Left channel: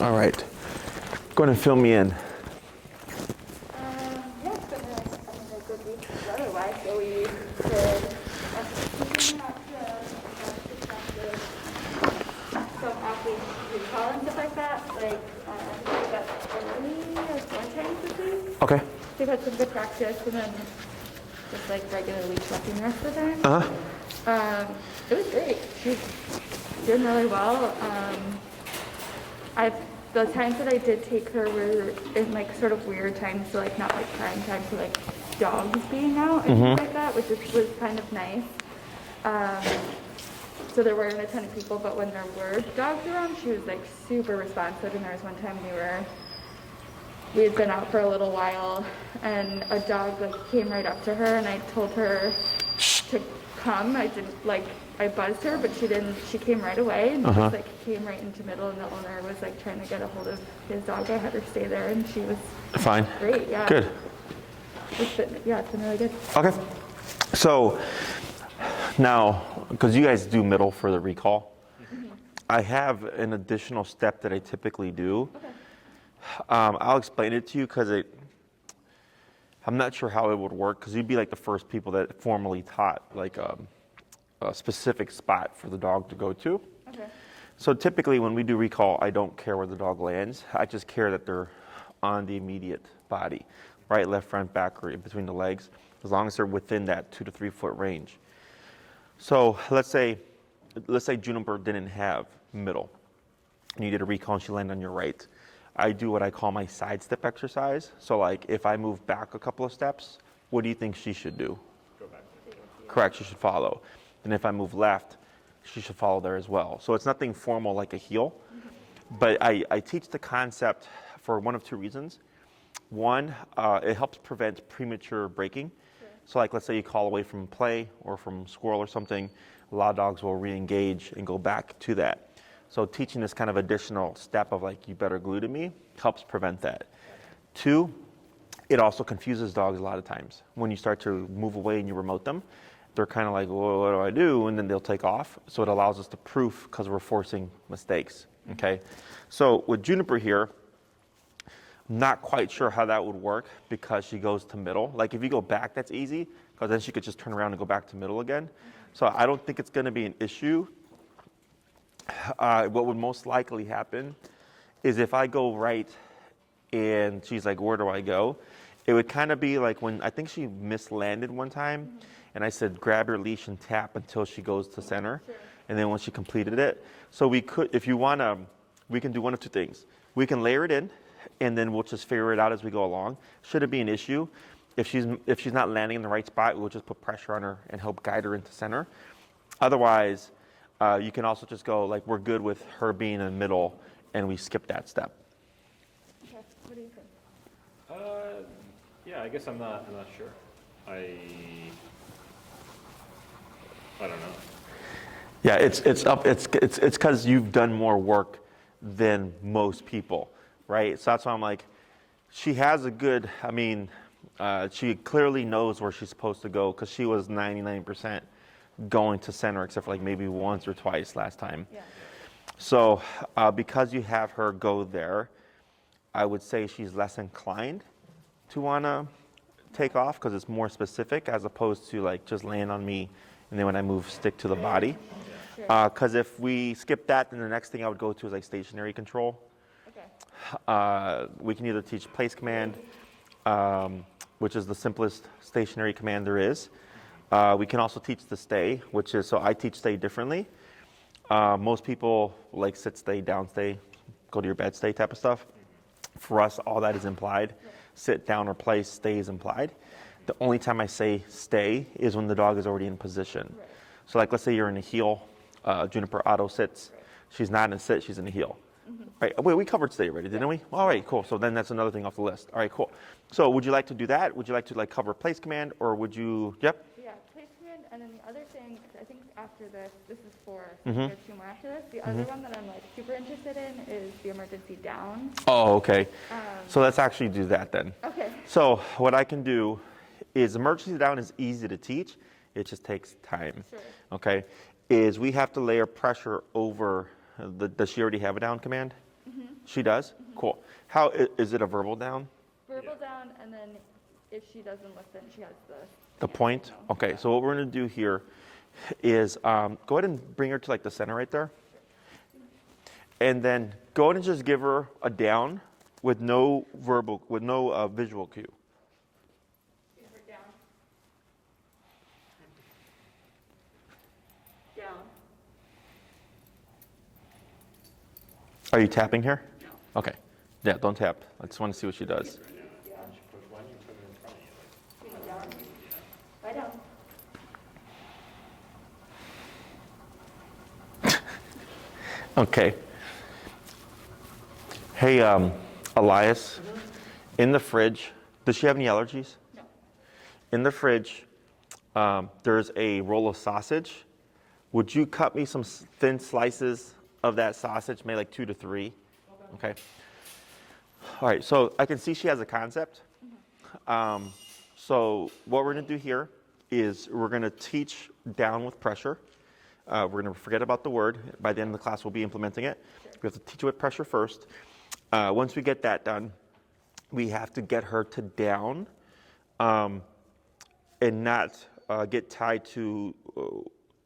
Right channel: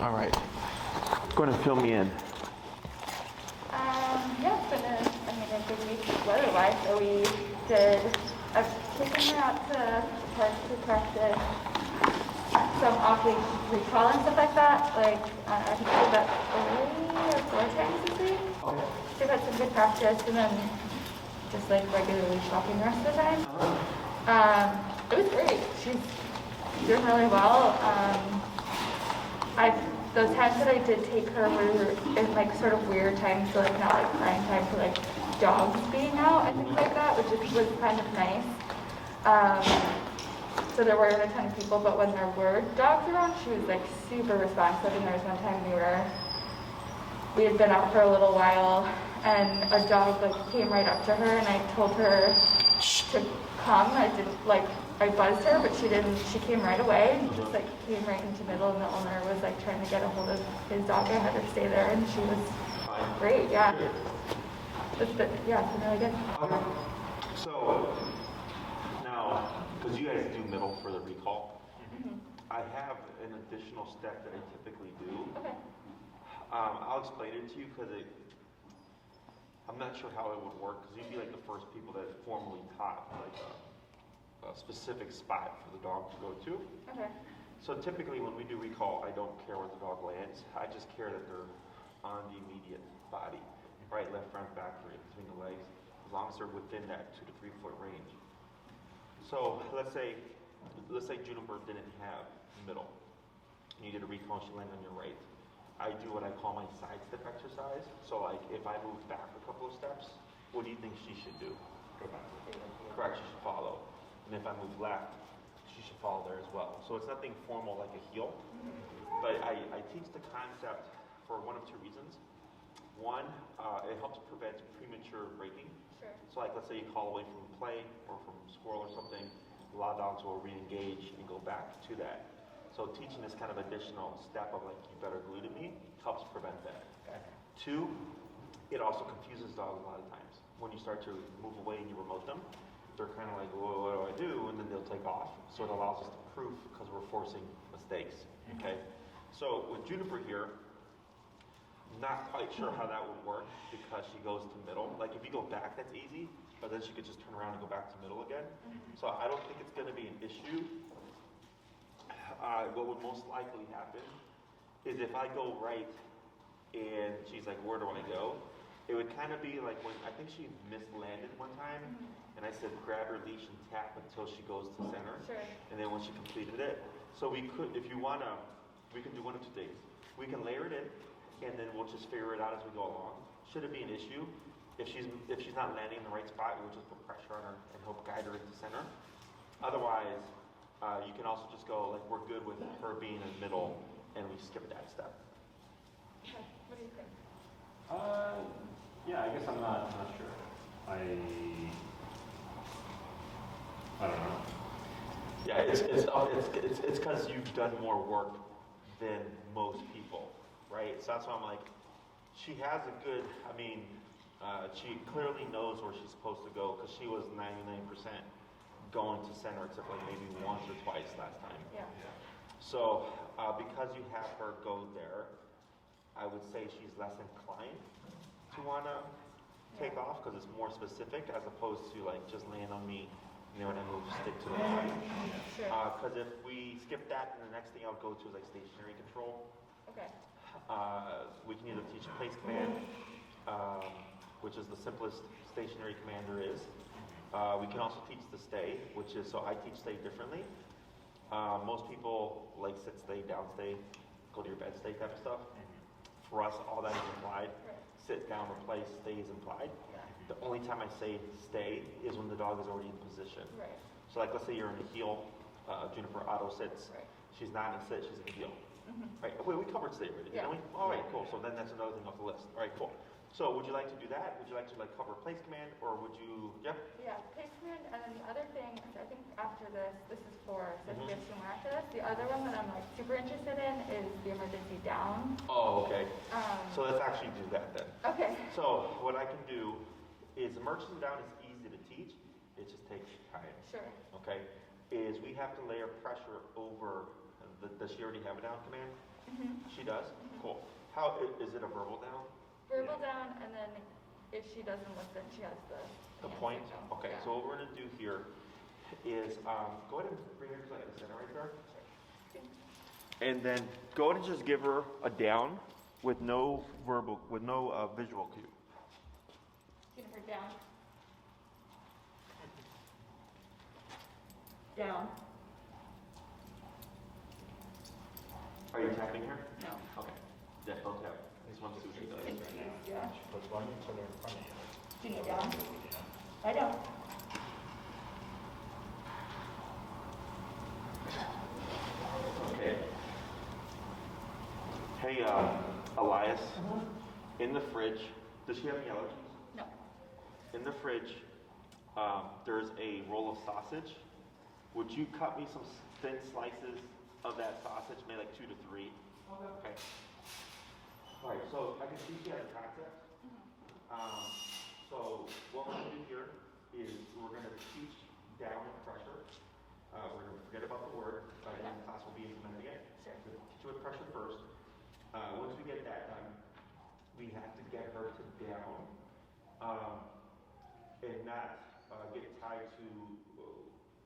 All right. Go ahead and fill me in. Yeah, it's been a good week weather-wise. So we did taking out to practice some off-week recall and stuff like that. Like, I think we did that 3 or 4 times this week. Okay. We've had some good practice, and then just like regularly shopping rest of the time. It was great. She's doing really well. Those times that I did take her were in like sort of weird times, so like not like prime time for like dogs being out and things like that, which was kind of nice. So there weren't a ton of people, but when there were dogs around, she was like super responsive. And there was one time we had been out for a little while, and a dog like came right up to her, and I told her to come. I buzzed her, but she didn't. She came right away and just like came right into the middle, and the owner was like trying to get a hold of his dog. I had her stay there, and she was fine. Great, yeah. Good. It's been really good. Okay. So now, because you guys do middle for the recall, I have an additional step that I typically do. Okay. I'll explain it to you because I'm not sure how it would work, because you'd be like the first people that formally taught like a specific spot for the dog to go to. Okay. So typically when we do recall, I don't care where the dog lands. I just care that they're on the immediate body, right, left, front, back, or in between the legs, as long as they're within that 2 to 3 foot range. So let's say Juniper didn't have middle, and you did a recall and she landed on your right. I do what I call my side step exercise. So like if I move back a couple of steps, what do you think she should do? Go back. Correct, she should follow. And if I move left, she should follow there as well. So it's nothing formal like a heel, but I teach the concept for one of 2 reasons. One, it helps prevent premature breaking. Sure. So like let's say you call away from play or from squirrel or something, a lot of dogs will re-engage and go back to that. So teaching this kind of additional step of like, you better glue to me, helps prevent that. 2, it also confuses dogs a lot of times. When you start to move away and you remote them, they're kind of like, well, what do I do? And then they'll take off. So it allows us to proof because we're forcing mistakes, okay? So with Juniper here, I'm not quite sure how that would work because she goes to middle. Like if you go back, that's easy, because then she could just turn around and go back to middle again. So I don't think it's gonna be an issue. What would most likely happen is if I go right and she's like, where do I go? It would kind of be like when, I think she mislanded one time, and I said, grab your leash and tap until she goes to center. Sure. And then when she completed it. So we could, if you wanna, we can do one of 2 things. We can layer it in, and then we'll just figure it out as we go along. Should it be an issue, if she's not landing in the right spot, we'll just put pressure on her and help guide her into center. Otherwise, you can also just go like, we're good with her being in the middle, and we skip that step. Okay. What do you think? Yeah, I guess I'm not sure. I don't know. Yeah, it's because you've done more work than most people, right? So that's why I'm like, she has a good, she clearly knows where she's supposed to go, because she was 99% going to center, except for like maybe once or twice last time. Yeah. So because you have her go there, I would say she's less inclined to want to take off, because it's more specific as opposed to like just land on me and then when I move, stick to the body. Because if we skip that, then the next thing I would go to is like stationary control. Okay. We can either teach place command, which is the simplest stationary command there is. We can also teach the stay, which is, so I teach stay differently. Most people like sit, stay, down, stay, go to your bed, stay type of stuff. For us, all that is implied. Sit, down, or place, stay is implied. The only time I say stay is when the dog is already in position. Right. So like, let's say you're in a heel, Juniper auto sits. Right. She's not in a sit, she's in a heel. Right, wait, we covered stay already, didn't we? All right, cool. So then that's another thing off the list. All right, cool. So would you like to do that? Would you like to like cover place command, or would you, yep? Yeah, place command, and then the other thing, I think after this is for Mhm. there's 2 more after this. The other one that I'm like super interested in is the emergency down. Oh, okay. So let's actually do that then. Okay. So what I can do is emergency down is easy to teach. It just takes time. Sure. Okay. Is we have to layer pressure over does she already have a down command? She does? Cool. Is it a verbal down? Verbal down, and then if she doesn't listen, she has The point? Okay, so what we're going to do here is go ahead and bring her to like the center right there. And then go ahead and just give her a down with no visual cue. Give her down. Down. Are you tapping here? No. Okay. Yeah, don't tap. I just want to see what she does. Yeah. Do you need down? I don't. Okay. Hey, Elias, in the fridge, does she have any allergies? No. In the fridge, there's a roll of sausage. Would you cut me some thin slices of that sausage, maybe like 2 to 3? Okay. All right, so I can see she has a concept. So what we're going to do here is we're going to teach down with pressure. We're going to forget about the word. By the end of the class, we'll be implementing it. We have to teach it with pressure first. Once we get that done, we have to get her to down and not get tied to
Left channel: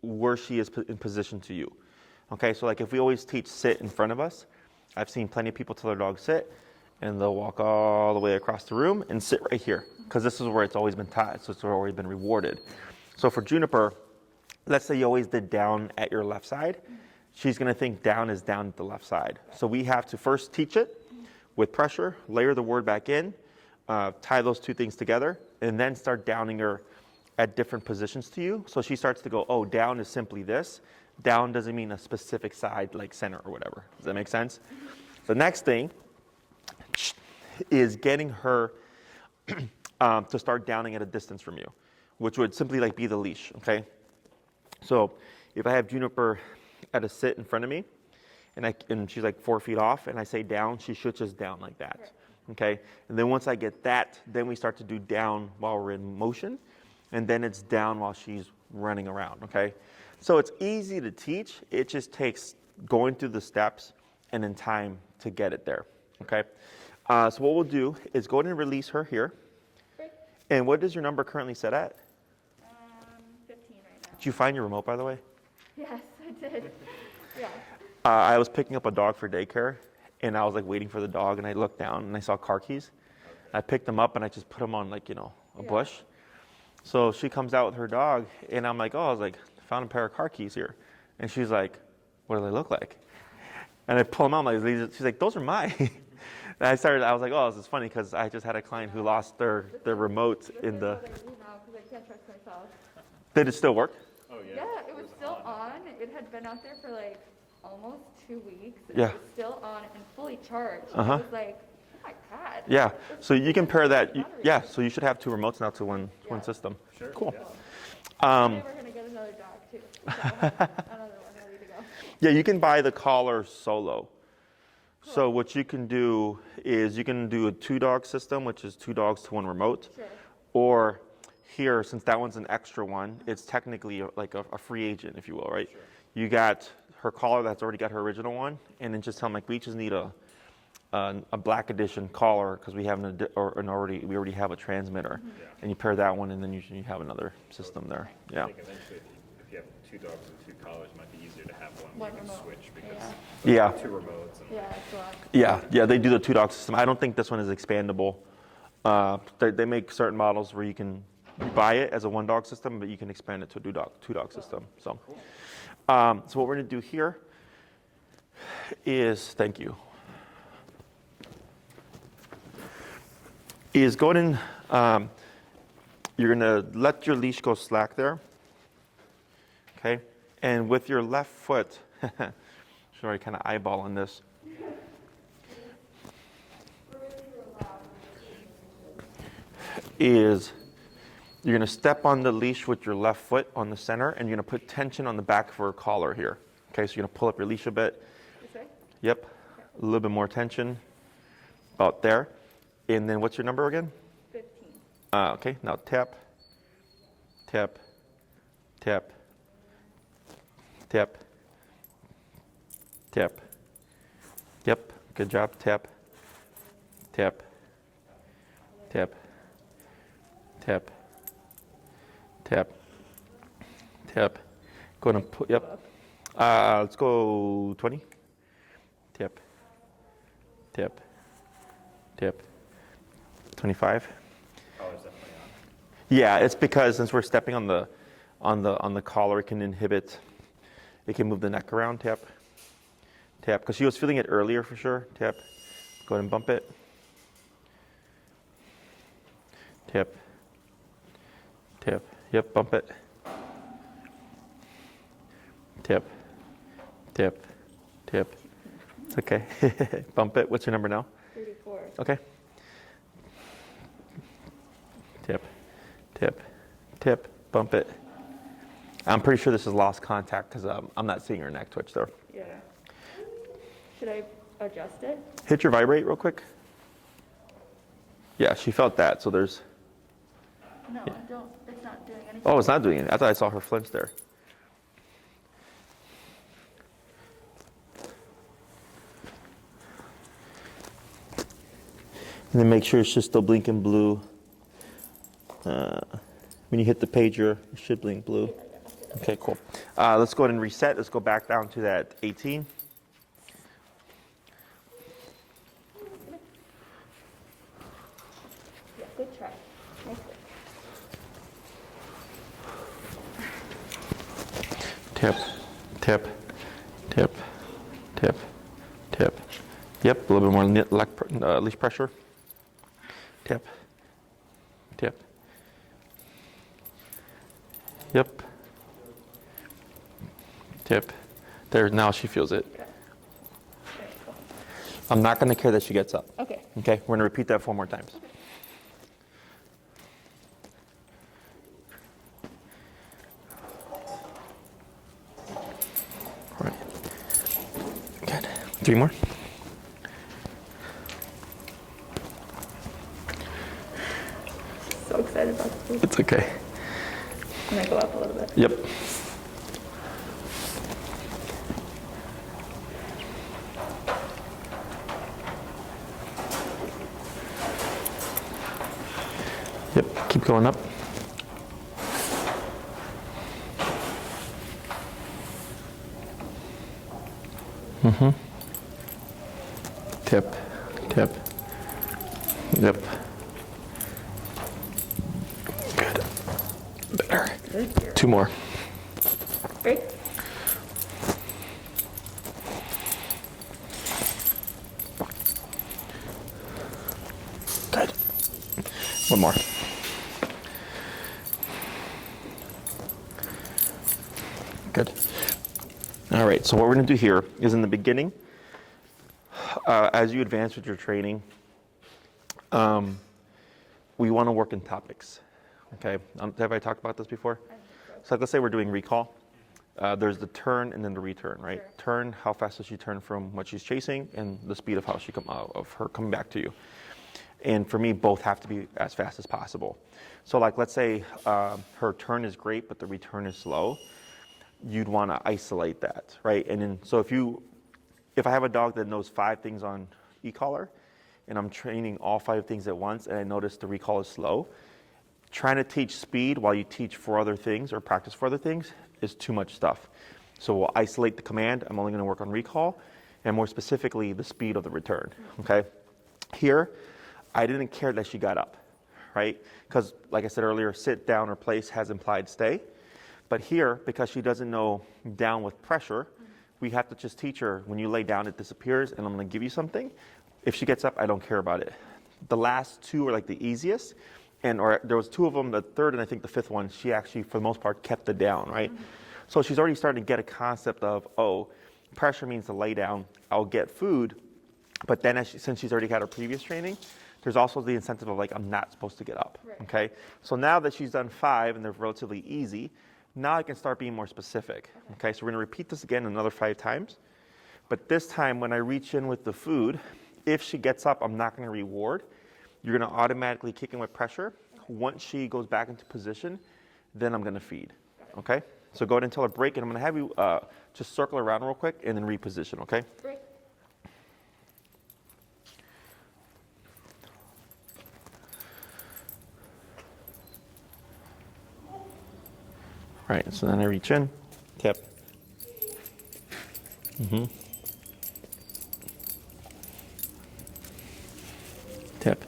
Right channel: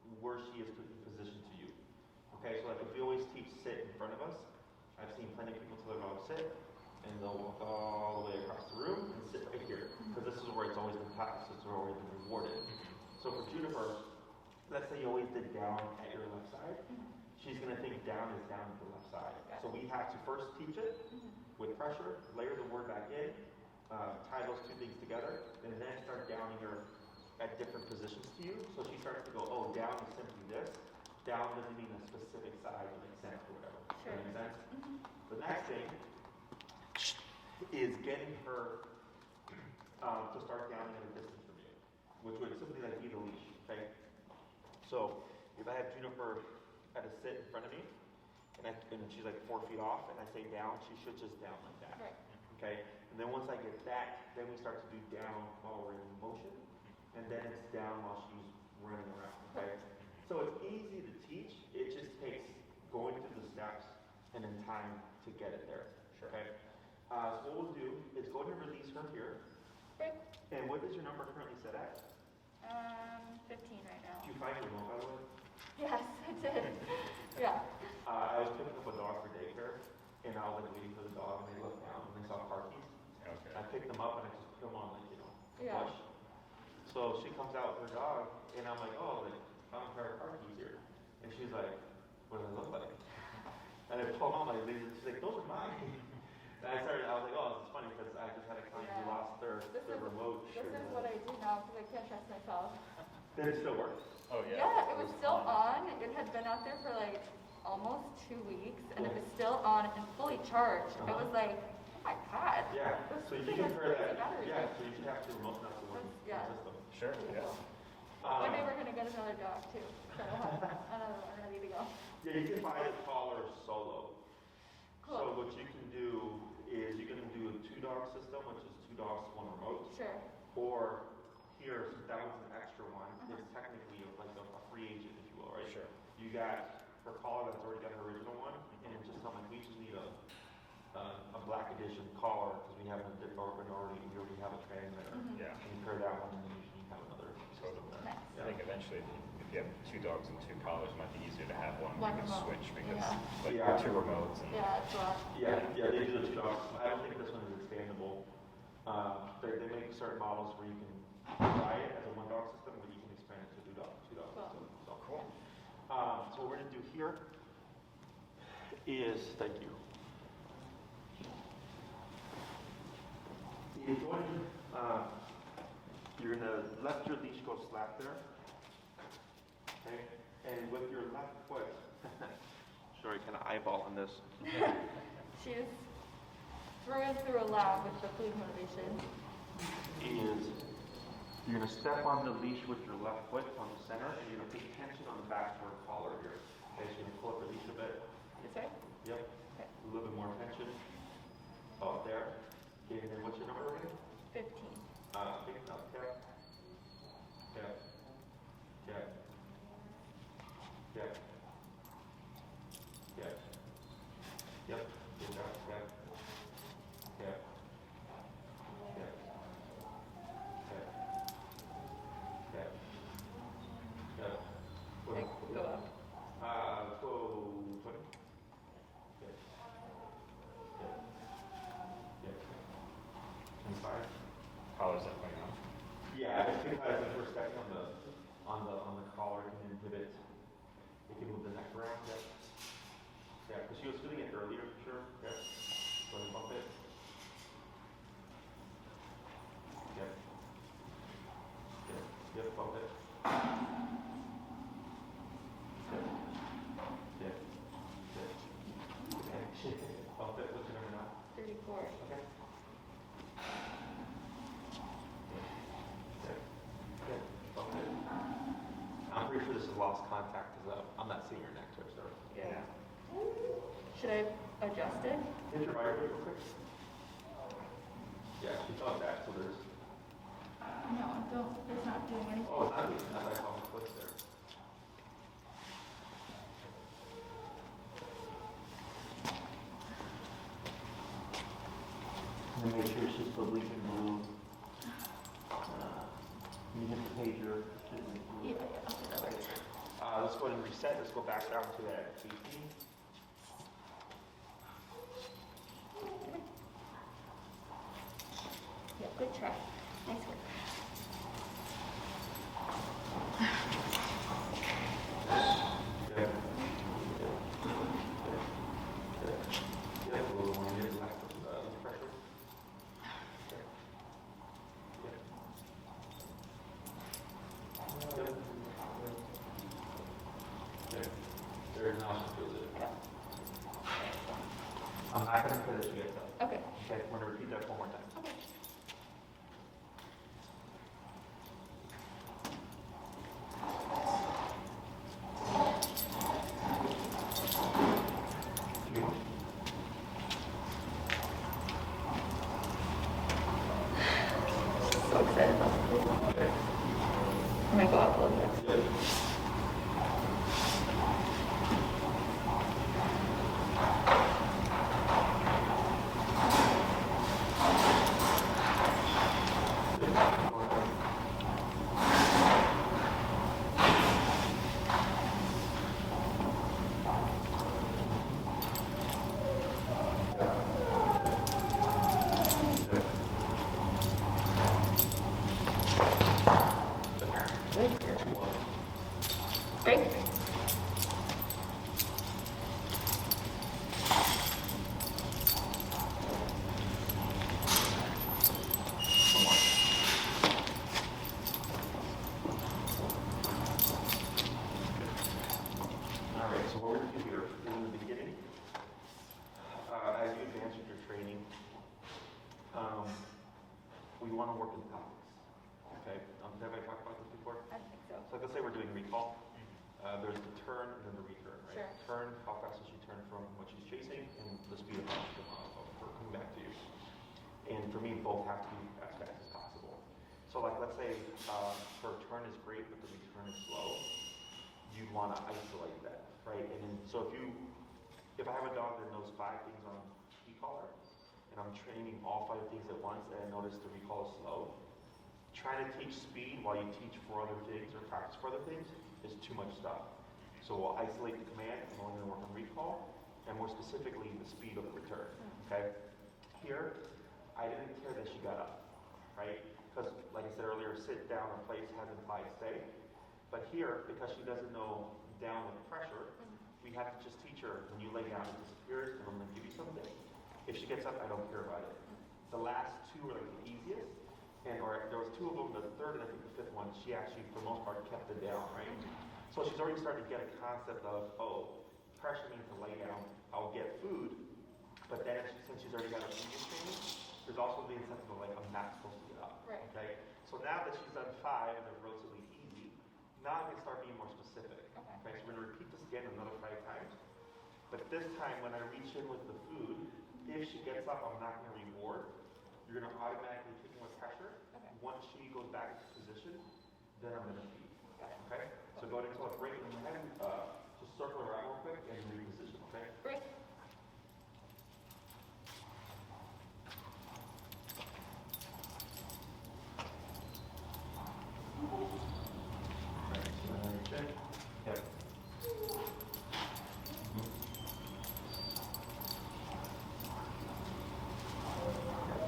where she is in position to you. Okay, so like if we always teach sit in front of us, I've seen plenty of people tell their dog sit, and they'll walk all the way across the room and sit right here, because this is where it's always been taught, so it's already been rewarded. So for Juniper, let's say you always did down at your left side, she's gonna think down is down at the left side. So we have to first teach it with pressure, layer the word back in, tie those two things together, and then start downing her at different positions to you. So she starts to go, oh, down is simply this. Down doesn't mean a specific side, like center or whatever. Does that make sense? The next thing is getting her to start downing at a distance from you, which would simply like be the leash, okay? So if I have Juniper at a sit in front of me, and she's like 4 feet off, and I say down, she should just down like that, okay? And then once I get that, then we start to do down while we're in motion, and then it's down while she's running around, okay? So it's easy to teach. It just takes going through the steps and then time to get it there, okay? So what we'll do is go ahead and release her here. Great. And what is your number currently set at? 15 right now. Did you find your remote, by the way? Yes, I did. Yeah. I was picking up a dog for daycare, and I was like waiting for the dog, and I looked down and I saw car keys. I picked them up and I just put them on like, a bush. So she comes out with her dog, and I'm like, oh, I was like, found a pair of car keys here. And she's like, what do they look like? And I pull them out, I'm like, she's like, those are mine. And I was like, oh, this is funny, because I just had a client who lost their remote in the. What I do now, because I can't trust myself. Did it still work? Oh, yeah. Yeah, it was still on. It had been out there for like almost 2 weeks. And Yeah. It was still on and fully charged. Uh-huh. I was like, oh my God. Yeah. So you can pair that. Yeah. So you should have 2 remotes now to one system. Sure. Cool. And they were going to get another dog too. So I don't know where I need to go. Yeah, you can buy the collar solo. So what you can do is you can do a 2-dog system, which is 2 dogs to 1 remote. Sure. Or here, since that one's an extra one, it's technically like a free agent, if you will, right? Sure. You got her collar that's already got her original one, and then just tell them like we just need a black edition collar because we have we already have a transmitter, and you pair that one, and then you have another system there. Yeah. I think eventually, if you have 2 dogs and 2 collars, it might be easier to have one One you can remote. switch because Yeah. 2 remotes. And Yeah, it's on. Yeah, they do the 2-dog system. I don't think this one is expandable. They make certain models where you can buy it as a 1-dog system, but you can expand it to a 2-dog system. So, so what we're going to do here is, thank you, is go ahead and you're going to let your leash go slack there, okay? And with your left foot, sorry, kind of eyeballing this. She's through a lot with the food motivation. Is you're going to step on the leash with your left foot on the center, and you're going to put tension on the back of her collar here. Okay, so you're going to pull up your leash a bit. This way? Yep, a little bit more tension about there. And then what's your number again? 15. Okay, now tap, tap, tap, tap, tap. Yep, Good job. Tap. Tap. Tap. Tap. Tap. Tap. Go ahead and put, yep. Let's go 20. Tap. Tap. Tap. 25. How is that playing out? Yeah, it's because since we're stepping on the collar, it can inhibit. It can move the neck around. Tap. Tap. Because she was feeling it earlier for sure. Tap. Go ahead and bump it. Tap. Tap. Yep, bump it. Tap. Tap. Tap. Okay. Bump it. What's your number now? 34. Okay. Tap. Tap. Tap. Bump it. I'm pretty sure this is lost contact because I'm not seeing her neck twitch there. Yeah. Should I adjust it? Hit your vibrate real quick. Yeah, she felt that. So there's. No, don't. It's not doing anything. Oh, it's not doing it. I thought I saw her flinch there. And then make sure it's just still blinking blue. When you hit the pager, it should blink blue. Okay, cool. Let's go ahead and reset. Let's go back down to that 18. Yeah, good try. Nice work. Tap, tap, tap, tap, tap. Yep, a little bit more leash pressure. Tap, tap. Yep. Tap. There, now she feels it. I'm not going to care that she gets up. Okay. Okay, we're going to repeat that 4 more times. Right. Good. 3 more. So excited about this. It's okay. I'm gonna go up a little bit. Yep. Yep, keep going up. Mm-hmm. Tap, tap. Yep. Good. Better. 2 more. Great. Good. 1 more. Good. All right, so what we're going to do here is in the beginning, as you advance with your training, we want to work in topics. Okay, have I talked about this before? So let's say we're doing recall. There's the turn and then the return, right? Sure. Turn, how fast does she turn from what she's chasing, and the speed of how she of her coming back to you. And for me, both have to be as fast as possible. So like, let's say her turn is great, but the return is slow. You'd want to isolate that, right? And then, so if I have a dog that knows 5 things on e-collar, and I'm training all 5 things at once, and I notice the recall is slow, trying to teach speed while you teach 4 other things or practice 4 other things is too much stuff. So we'll isolate the command. I'm only going to work on recall, and more specifically, the speed of the return, okay? Here, I didn't care that she got up, right? Because like I said earlier, sit, down, or place has implied stay. But here, because she doesn't know down with pressure, we have to just teach her, when you lay down, it disappears, and I'm going to give you something. If she gets up, I don't care about it. The last 2 are like the easiest, or there was 2 of them, the third and I think the 5th one, she actually, for the most part, kept it down, right? So she's already starting to get a concept of, oh, pressure means to lay down, I'll get food, but then since she's already had her previous training, there's also the incentive of like, I'm not supposed to get up, okay? So now that she's done 5 and they're relatively easy, now I can start being more specific, okay? So we're gonna repeat this again another 5 times, but this time when I reach in with the food, if she gets up, I'm not gonna reward. You're gonna automatically kick in with pressure. Once she goes back into position, then I'm gonna feed, okay? So go ahead and tell her break, and I'm gonna have you just circle around real quick and then reposition, okay? Great. Right, so then I reach in, tip. Tip.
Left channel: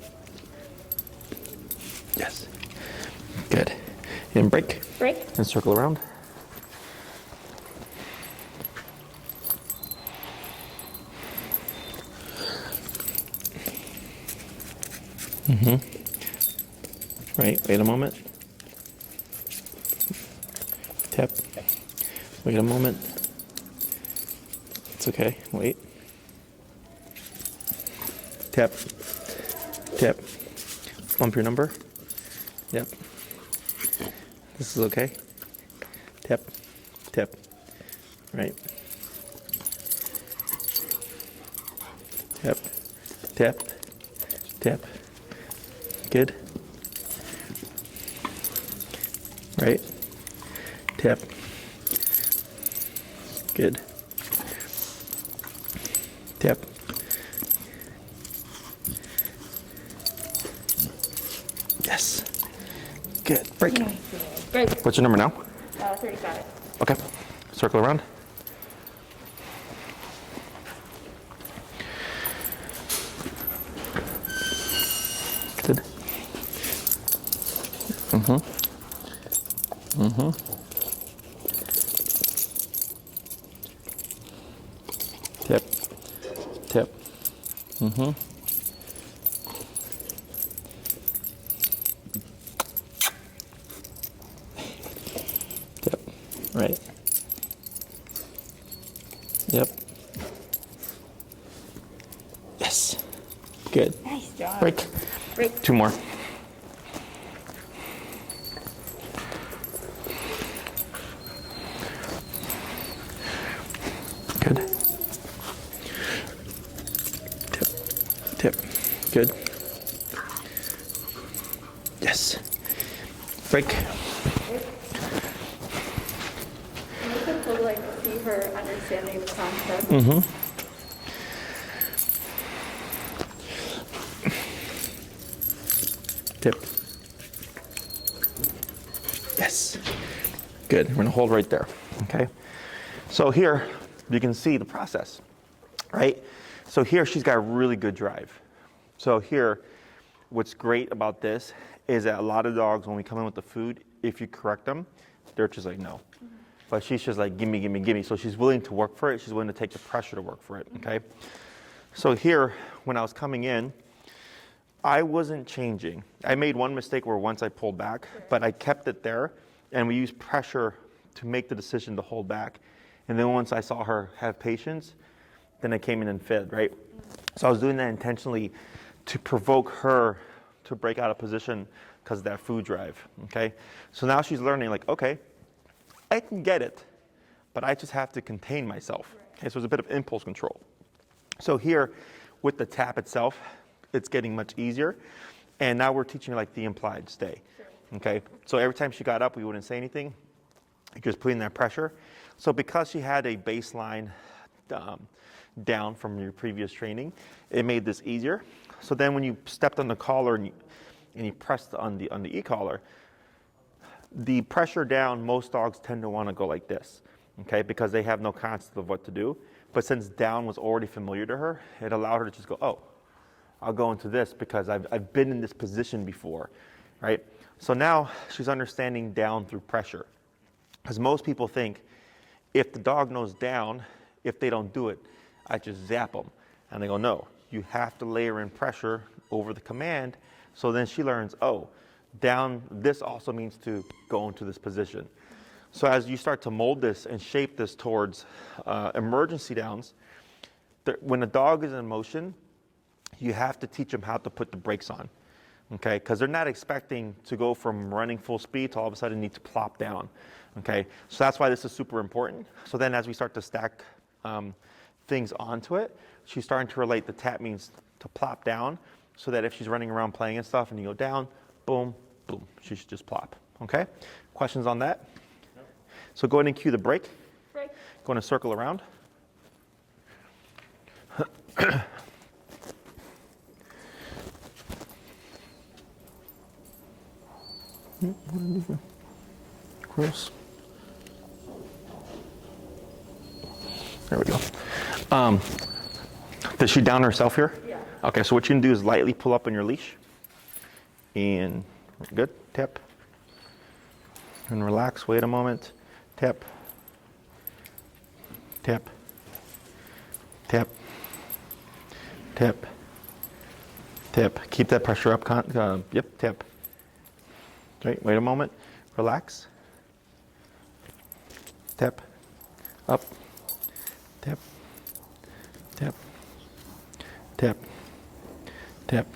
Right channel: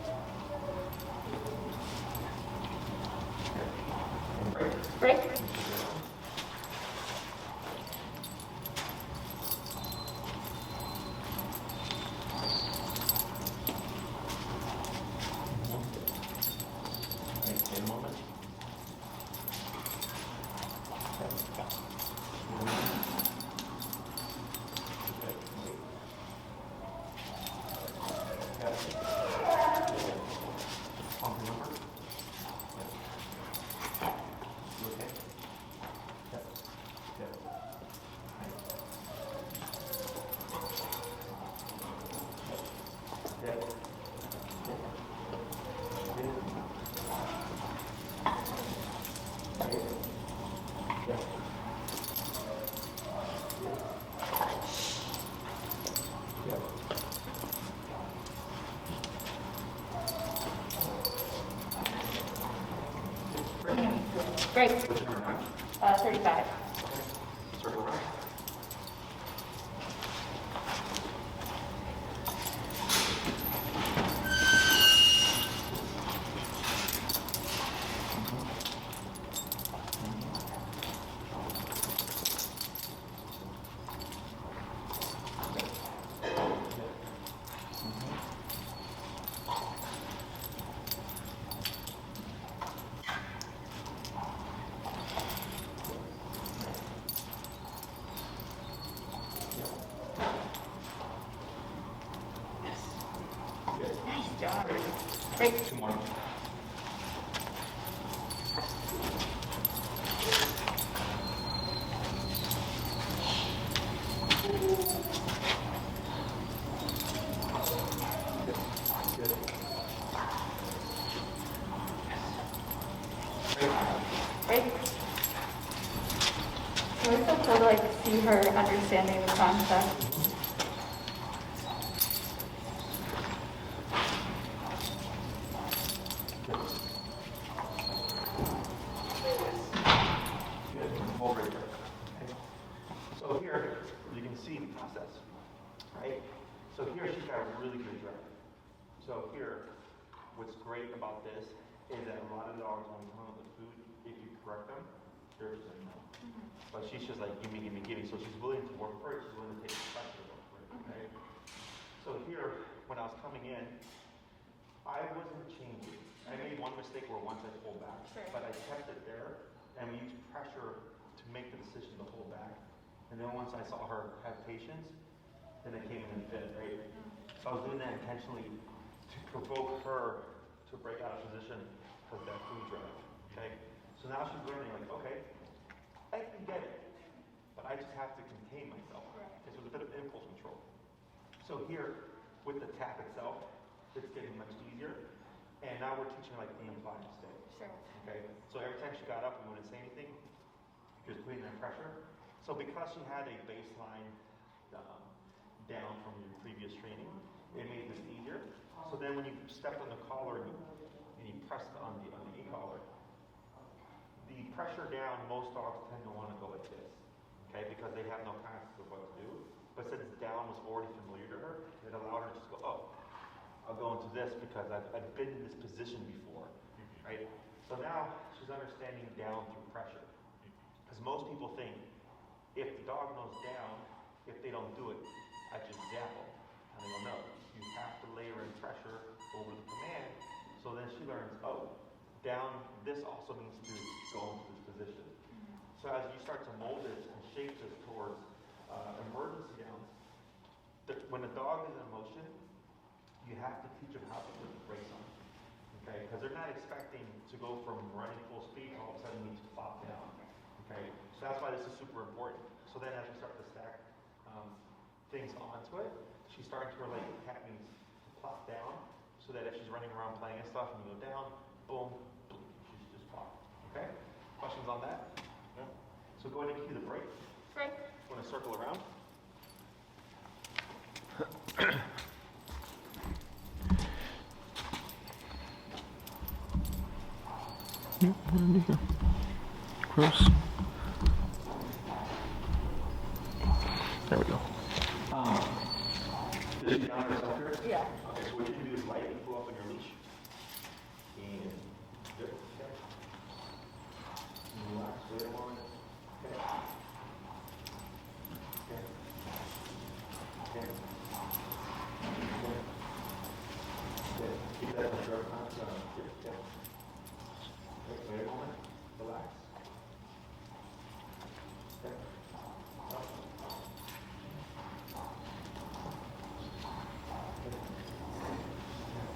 Yes. Good. And break. Break. And circle around. Right, wait a moment. Tip. Wait a moment. It's okay, wait. Tip. Tip. Bump your number. Yep. This is okay. Tip. Tip. Right. Tip. Tip. Tip. Good. Right. Tip. Good. Tip. Yes. Good. Break. Great. What's your number now? 35. Okay. Circle around. Good. Tip. Tip. Tip. Right. Yep. Yes. Good. Nice job. Break. Break. 2 more. Good. Tip. Tip. Good. Yes. Break. Break. It's so cool to like see her understanding the concept. Tip. Yes. Good. We're going to hold right there. Okay. So here you can see the process, right? So here she's got really good drive. So here, what's great about this is that a lot of dogs, when we come in with the food, if you correct them, they're just like, no. But she's just like, gimme, gimme, gimme. So she's willing to work for it. She's willing to take the pressure to work for it, okay? So here, when I was coming in, I wasn't changing. I made one mistake where once I pulled back, but I kept it there, and we used pressure to make the decision to hold back. And then once I saw her have patience, then I came in and fed, right? So I was doing that intentionally to provoke her to break out of position because of that food drive, okay? So now she's learning like, okay, I can get it, but I just have to contain myself. Okay, so it's a bit of impulse control. So here, with the tap itself, it's getting much easier. And now we're teaching her like the implied stay, okay? So every time she got up, we wouldn't say anything, just putting that pressure. So because she had a baseline down from your previous training, it made this easier. So then when you stepped on the collar and you pressed on the e-collar, the pressure down, most dogs tend to want to go like this, okay, because they have no concept of what to do. But since down was already familiar to her, it allowed her to just go, oh, I'll go into this because I've been in this position before, right? So now she's understanding down through pressure. Because most people think if the dog knows down, if they don't do it, I just zap them. And they go, no, you have to layer in pressure over the command. So then she learns, oh, down, this also means to go into this position. So as you start to mold this and shape this towards emergency downs, when a dog is in motion, you have to teach them how to put the brakes on, okay? Because they're not expecting to go from running full speed to all of a sudden need to plop down, okay? So that's why this is super important. So then as we start to stack things onto it, she's starting to relate the tap means to plop down, so that if she's running around playing and stuff and you go down, boom, boom, she should just plop, okay? Questions on that? No. So go ahead and cue the break. Break. Going to circle around. Gross. There we go. Does she down herself here? Yeah. Okay, so what you can do is lightly pull up on your leash. And good, tap. And relax, wait a moment. Tap. Tap. Tap. Tap. Tap. Keep that pressure up. Yep, tap. Right, wait a moment. Relax. Tap. Up. Tap. Tap. Tap. Tap.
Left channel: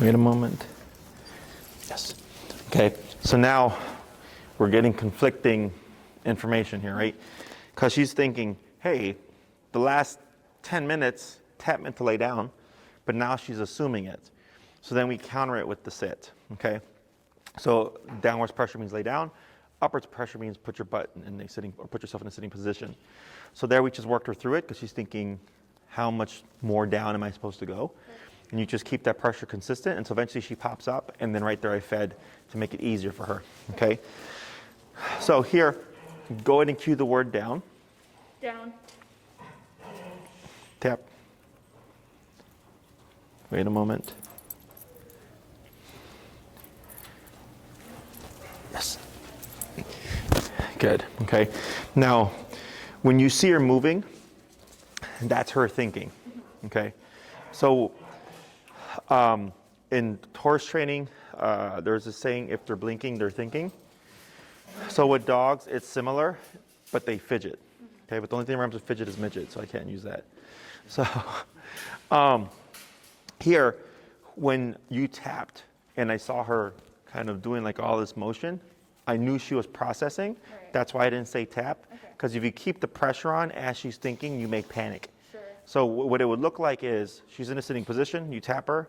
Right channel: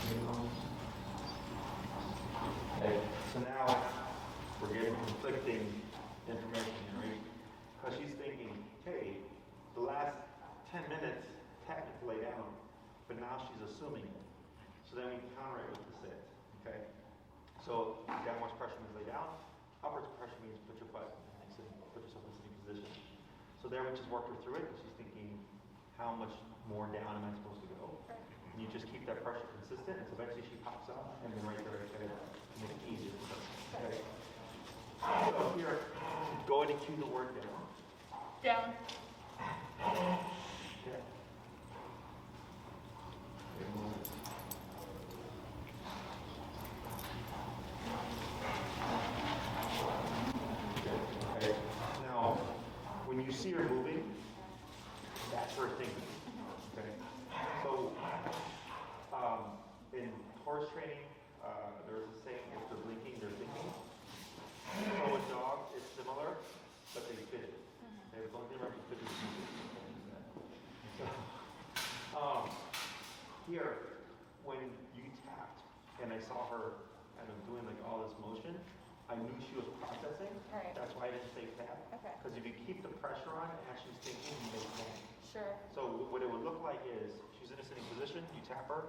Wait a moment. Yes. Okay, so now we're getting conflicting information here, right? Because she's thinking, hey, the last 10 minutes, tap meant to lay down, but now she's assuming it. So then we counter it with the sit, okay? So downwards pressure means lay down. Upwards pressure means put your butt in a sitting, or put yourself in a sitting position. So there we just worked her through it because she's thinking, how much more down am I supposed to go? And you just keep that pressure consistent, and so eventually she pops up, and then right there I fed to make it easier for her, okay? So here, go ahead and cue the word down. Down. Tap. Wait a moment. Yes. Good, okay. Now, when you see her moving, that's her thinking, okay? So, in horse training, there's a saying, if they're blinking, they're thinking. So with dogs, it's similar, but they fidget. Okay, but the only thing that rhymes with fidget is midget, so I can't use that. So here, when you tapped and I saw her kind of doing like all this motion, I knew she was processing. Right. That's why I didn't say tap, because Okay. if you keep the pressure on as she's thinking, you make panic. Sure. So what it would look like is she's in a sitting position, you tap her,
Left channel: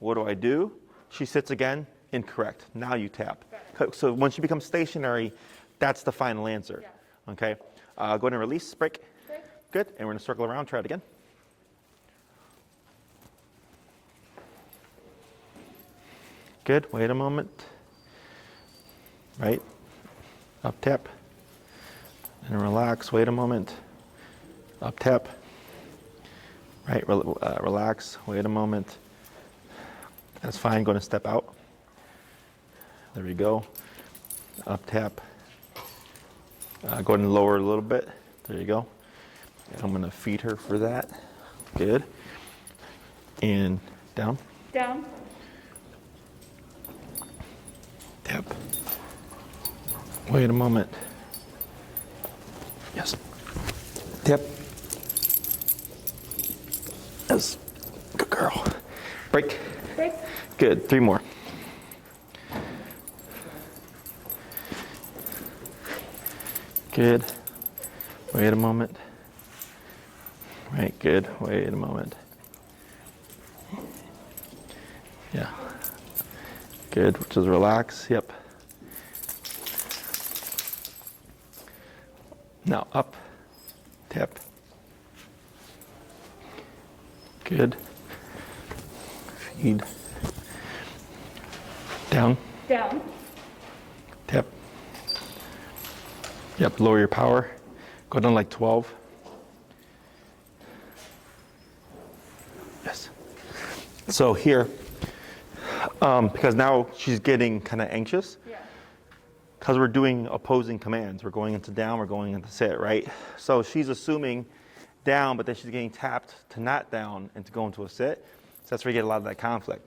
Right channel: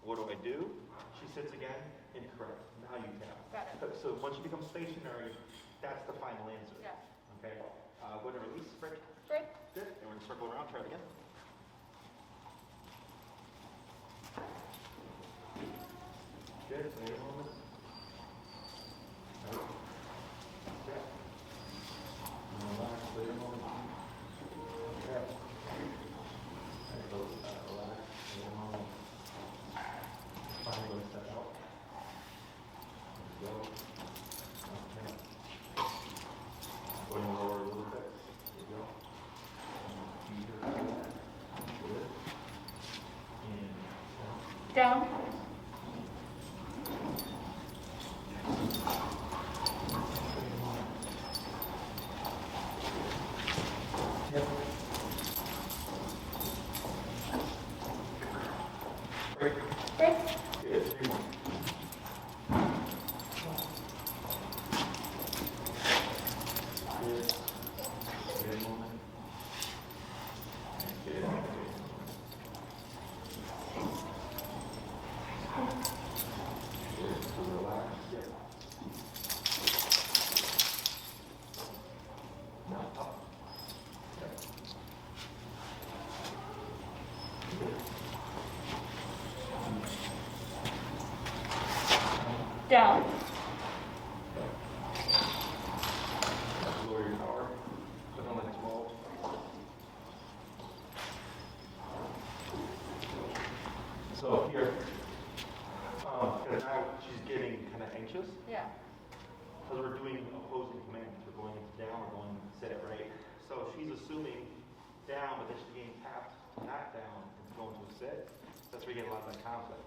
what do? She sits again, incorrect. Now you tap. Got So once you become stationary, that's the final answer. Yeah. Okay? Go ahead and release, break. Break. Good, and we're gonna circle around, try it again. Good, wait a moment. Right, up tap. And relax, wait a moment. Up tap. Right, relax, wait a moment. That's fine, going to step out. There we go. Up tap. Go ahead and lower a little bit. There you go. I'm going to feed her for that. Good. And down. Down. Tap. Wait a moment. Yes. Tap. Yes. Good girl. Break. Break. Good. 3 more. Good. Wait a moment. Right, good. Wait a moment. Yeah. Good. Just relax. Yep. Now up. Tap. Good. Feed. Down. Down. Tap. Yep, lower your power. Go down like 12. Yes. So here, because now she's getting kind of anxious, Yeah. because we're doing opposing commands. We're going into down, we're going into sit, right? So she's assuming down, but then she's getting tapped to not down and to go into a sit. So that's where you get a lot of that conflict.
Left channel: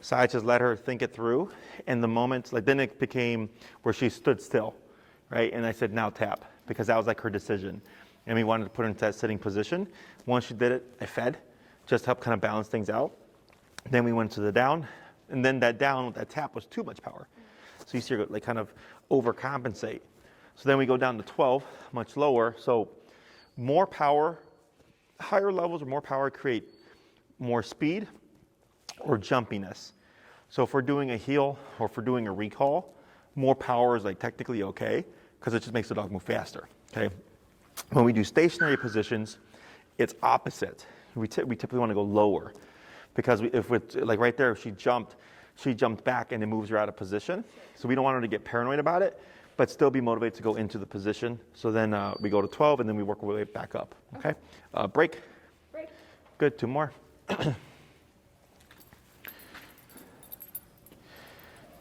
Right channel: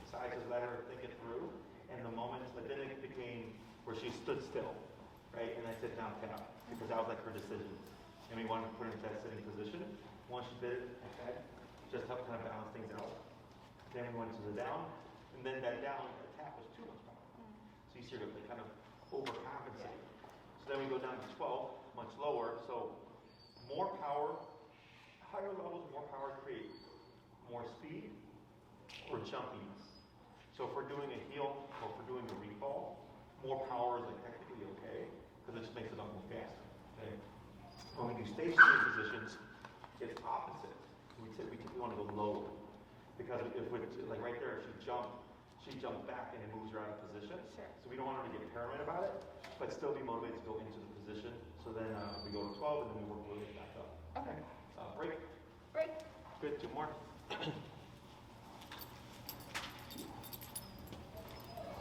So I just let her think it through. And the moment, like then it became where she stood still, right? And I said, now tap, because that was like her decision. And we wanted to put her into that sitting position. Once she did it, I fed, just to help kind of balance things out. Then we went to the down, and then that down, that tap was too much power. So you see her like kind of overcompensate. So then we go down to 12, much lower. So more power, higher levels or more power create more speed or jumpiness. So if we're doing a heel or if we're doing a recall, more power is like technically okay because it just makes the dog move faster, okay? When we do stationary positions, it's opposite. We typically want to go lower because if it's like right there, if she jumped back and it moves her out of position. So we don't want her to get paranoid about it. but still be motivated to go into the position. So then we go to 12 and then we work our way back up, okay? Break. Break. Good, 2 more.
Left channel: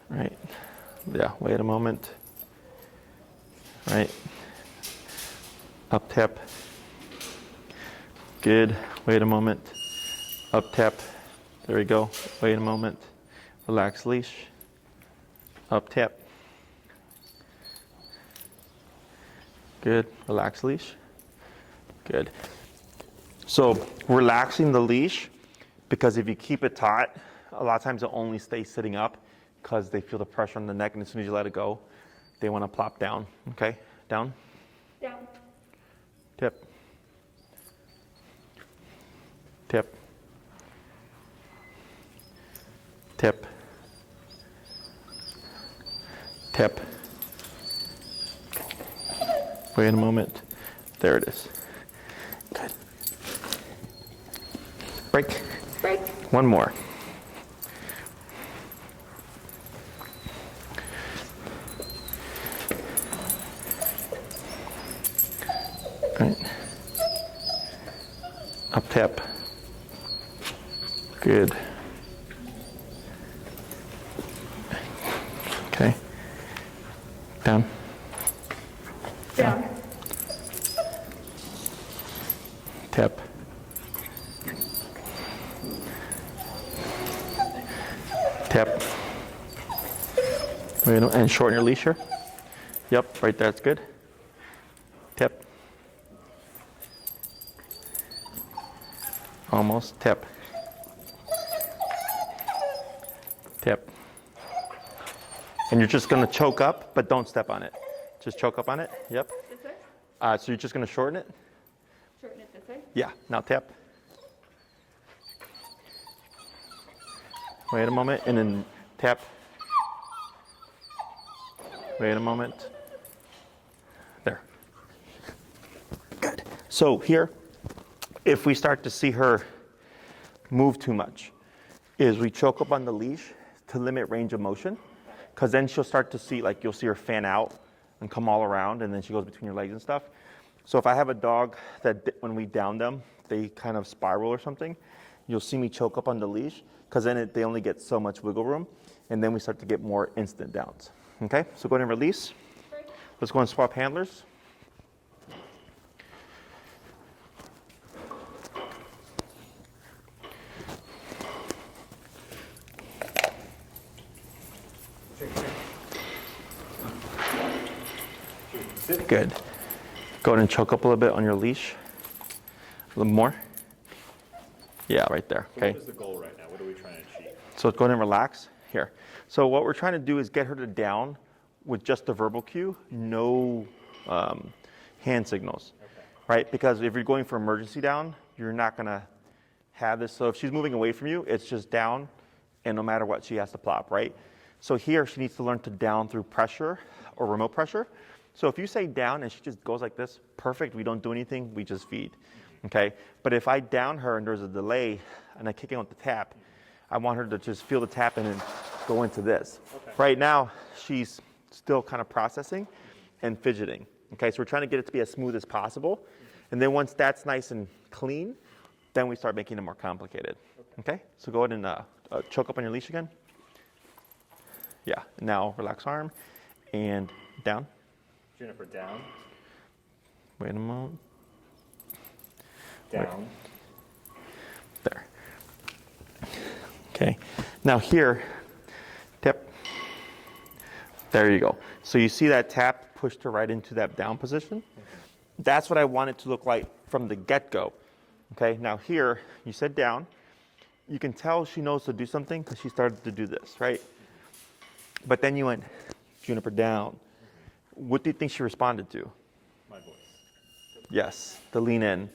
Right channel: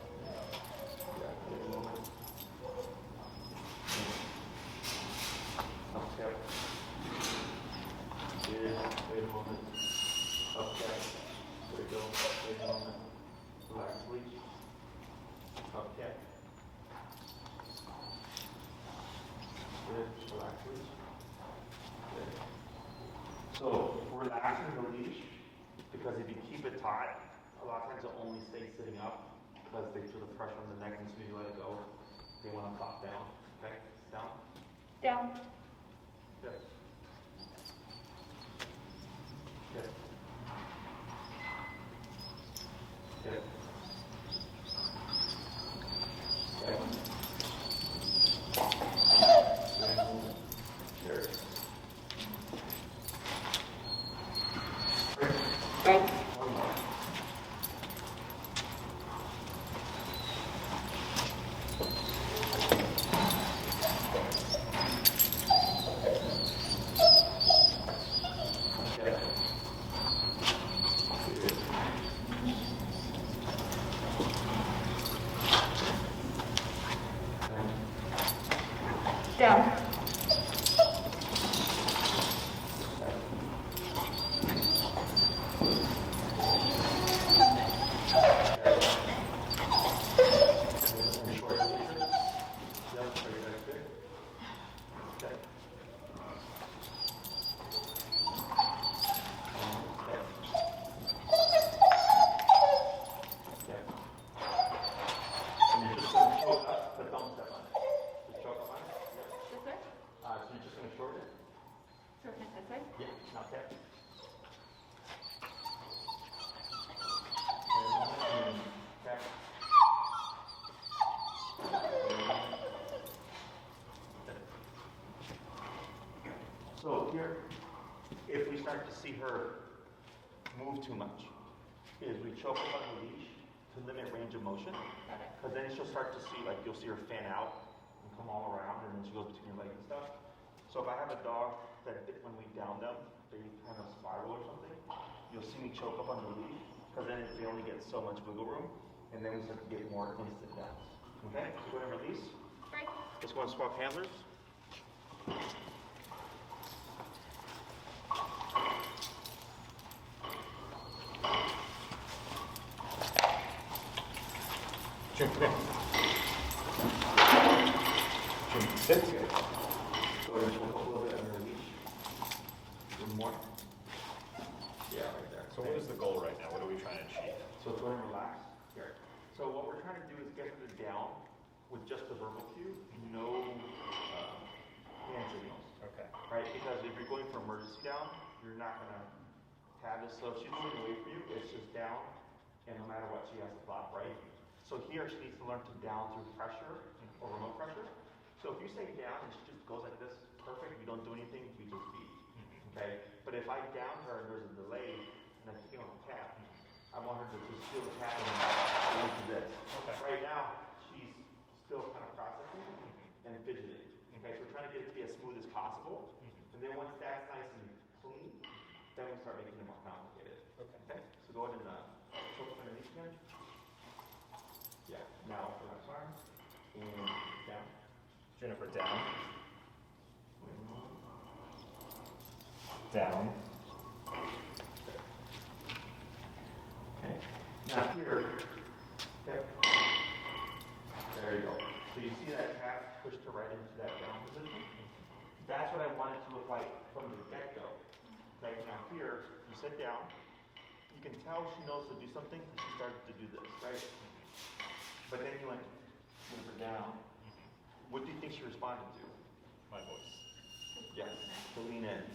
Right, yeah, wait a moment. Right, up tap. Good, wait a moment. Up tap, there we go. Wait a moment. Relax leash. Up tap. Good, relax leash. Good. So relaxing the leash, because if you keep it taut, a lot of times it'll only stay sitting up because they feel the pressure on the neck, and as soon as you let it go, they want to plop down. Okay, down. Down. Tip. Tip. Tip. Tip. Wait a moment. There it is. Good. Break. Break. One more. Right. Up tap. Good. Okay. Down. Down. Tap. Tap. Wait, no, and shorten your leash here. Yep, right there, that's good. Tap. Almost. Tap. Tap. And you're just gonna choke up, but don't step on it. Just choke up on it. Yep. Yes, sir. So you're just gonna shorten it. Shorten it, yes, sir. Yeah. Now tap. Wait a moment, and then tap. Wait a moment. There. Good. So here, if we start to see her move too much, is we choke up on the leash to limit range of motion, because then she'll start to see, like you'll see her fan out and come all around, and then she goes between your legs and stuff. So if I have a dog that when we down them, they kind of spiral or something, you'll see me choke up on the leash, because then they only get so much wiggle room, and then we start to get more instant downs. Okay, so go ahead and release. Break. Let's go and swap handlers. Good. Go ahead and choke up a little bit on your leash. A little more. Yeah, right there. So Okay. what is the goal right now? What are we trying to achieve? So go ahead and relax. Here. So what we're trying to do is get her to down with just a verbal cue, no hand signals, right? Because if you're going for emergency down, you're not gonna have this. So if she's moving away from you, it's just down, and no matter what, she has to plop, right? So here, she needs to learn to down through pressure or remote pressure. So if you say down and she just goes like this, perfect, we don't do anything, we just feed, okay? But if I down her and there's a delay and I kick in with the tap, I want her to just feel the tap and then go into this. Okay. Right now, she's still kind of processing and fidgeting, okay? So we're trying to get it to be as smooth as possible. And then once that's nice and clean, then we start making it more complicated, okay? So go ahead and choke up on your leash again. Yeah, now relax arm and down. Juniper, down. Wait a moment. Down. There. Okay. Now here, tap. There you go. So you see that tap pushed her right into that down position? That's what I want it to look like from the get-go. Okay, now here, you said down. You can tell she knows to do something because she started to do this, right? But then you went, Juniper, down. What do you think she responded to? My voice. Yes, the lean in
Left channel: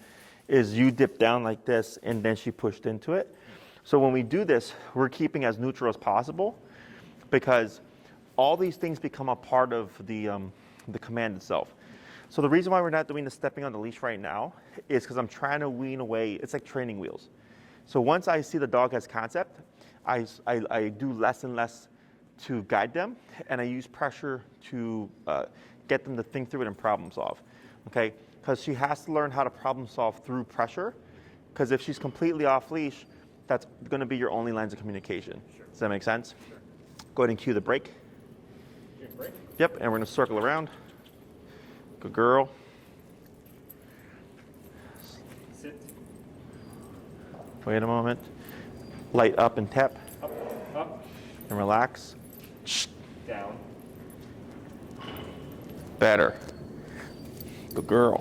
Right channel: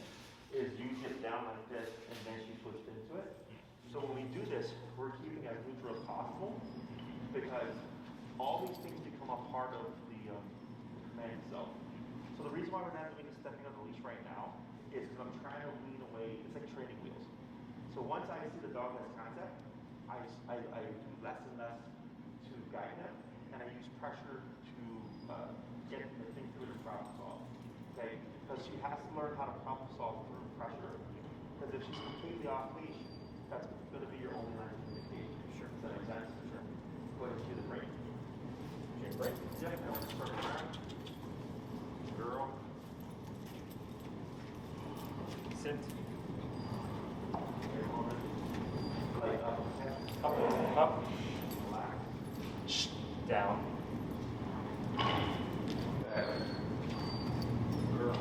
is you dip down like this and then she pushed into it. So when we do this, we're keeping as neutral as possible because all these things become a part of the command itself. So the reason why we're not doing the stepping on the leash right now is because I'm trying to wean away, it's like training wheels. So once I see the dog has concept, I do less and less to guide them, and I use pressure to get them to think through it and problem solve, okay? Because she has to learn how to problem solve through pressure, because if she's completely off leash, that's going to be your only lines of communication. Sure. Does that make sense? Sure. Go ahead and cue the break. Cue break. Yep, and we're going to circle around. Good girl. Sit. Wait a moment. Light up and tap. Up. And relax. Down. Better. Good girl.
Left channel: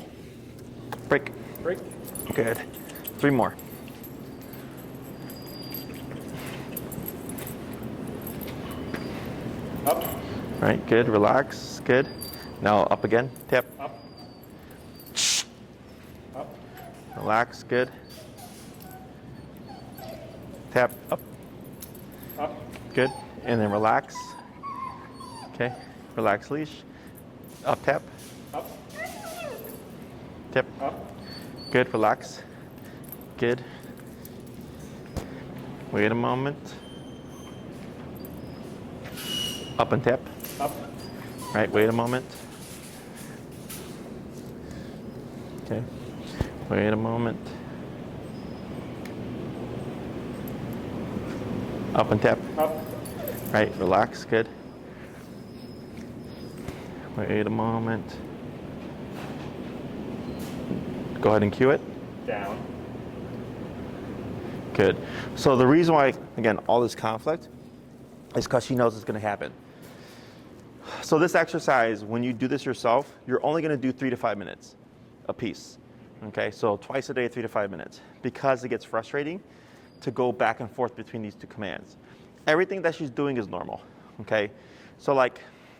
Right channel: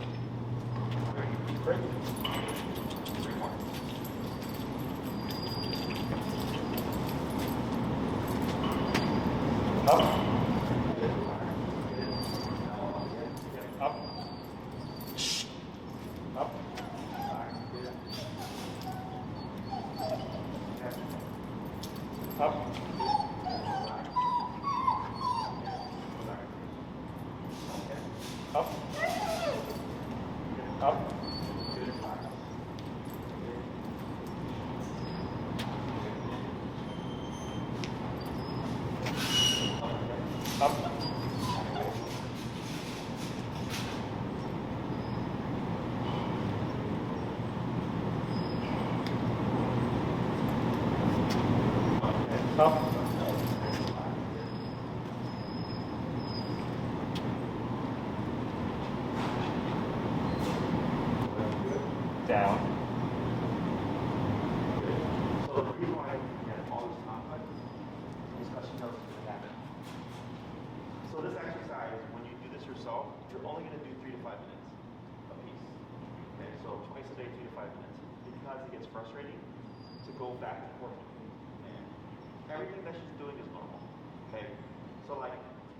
Break. Break. Good. 3 more. Up. Right, good. Relax. Good. Now up again. Tap. Up. Up. Relax. Good. Tap. Up. Up. Good. And then relax. Okay. Relax leash. Up, tap. Up. Tap. Up. Good. Relax. Good. Wait a moment. Up and tap. Up. Right. Wait a moment. Okay. Wait a moment. Up and tap. Up. Right. Relax. Good. Wait a moment. Go ahead and cue it. Down. Good. So the reason why, again, all this conflict is because she knows it's going to happen. So this exercise, when you do this yourself, you're only going to do 3 to 5 minutes a piece. Okay, so twice a day, 3 to 5 minutes, because it gets frustrating to go back and forth between these 2 commands. Everything that she's doing is normal. Okay, so like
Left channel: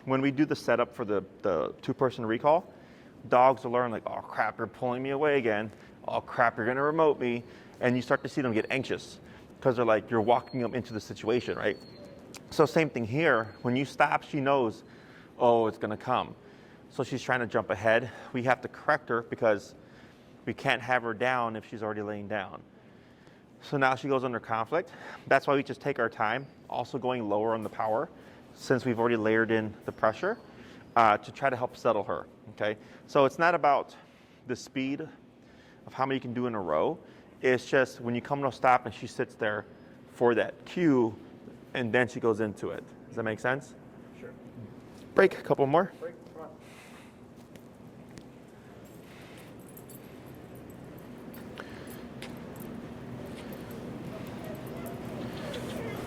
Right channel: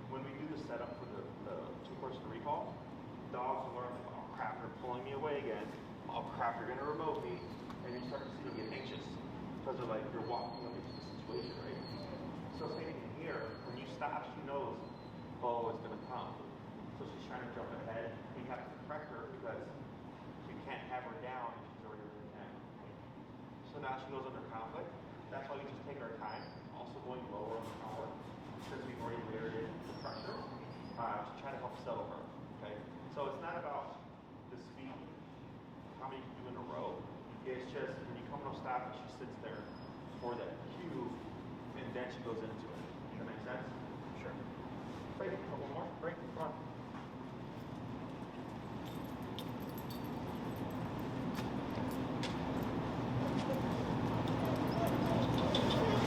when we do the setup for the 2-person recall, dogs will learn like, oh crap, you're pulling me away again. Oh crap, you're going to remote me. And you start to see them get anxious because they're like, you're walking them into the situation, right? So same thing here. When you stop, she knows, oh, it's going to come. So she's trying to jump ahead. We have to correct her because we can't have her down if she's already laying down. So now she goes under conflict. That's why we just take our time, also going lower on the power, since we've already layered in the pressure, to try to help settle her, okay? So it's not about the speed of how many you can do in a row. It's just when you come to a stop and she sits there for that cue, and then she goes into it. Does that make sense? Sure. Break, a couple more. Break. Come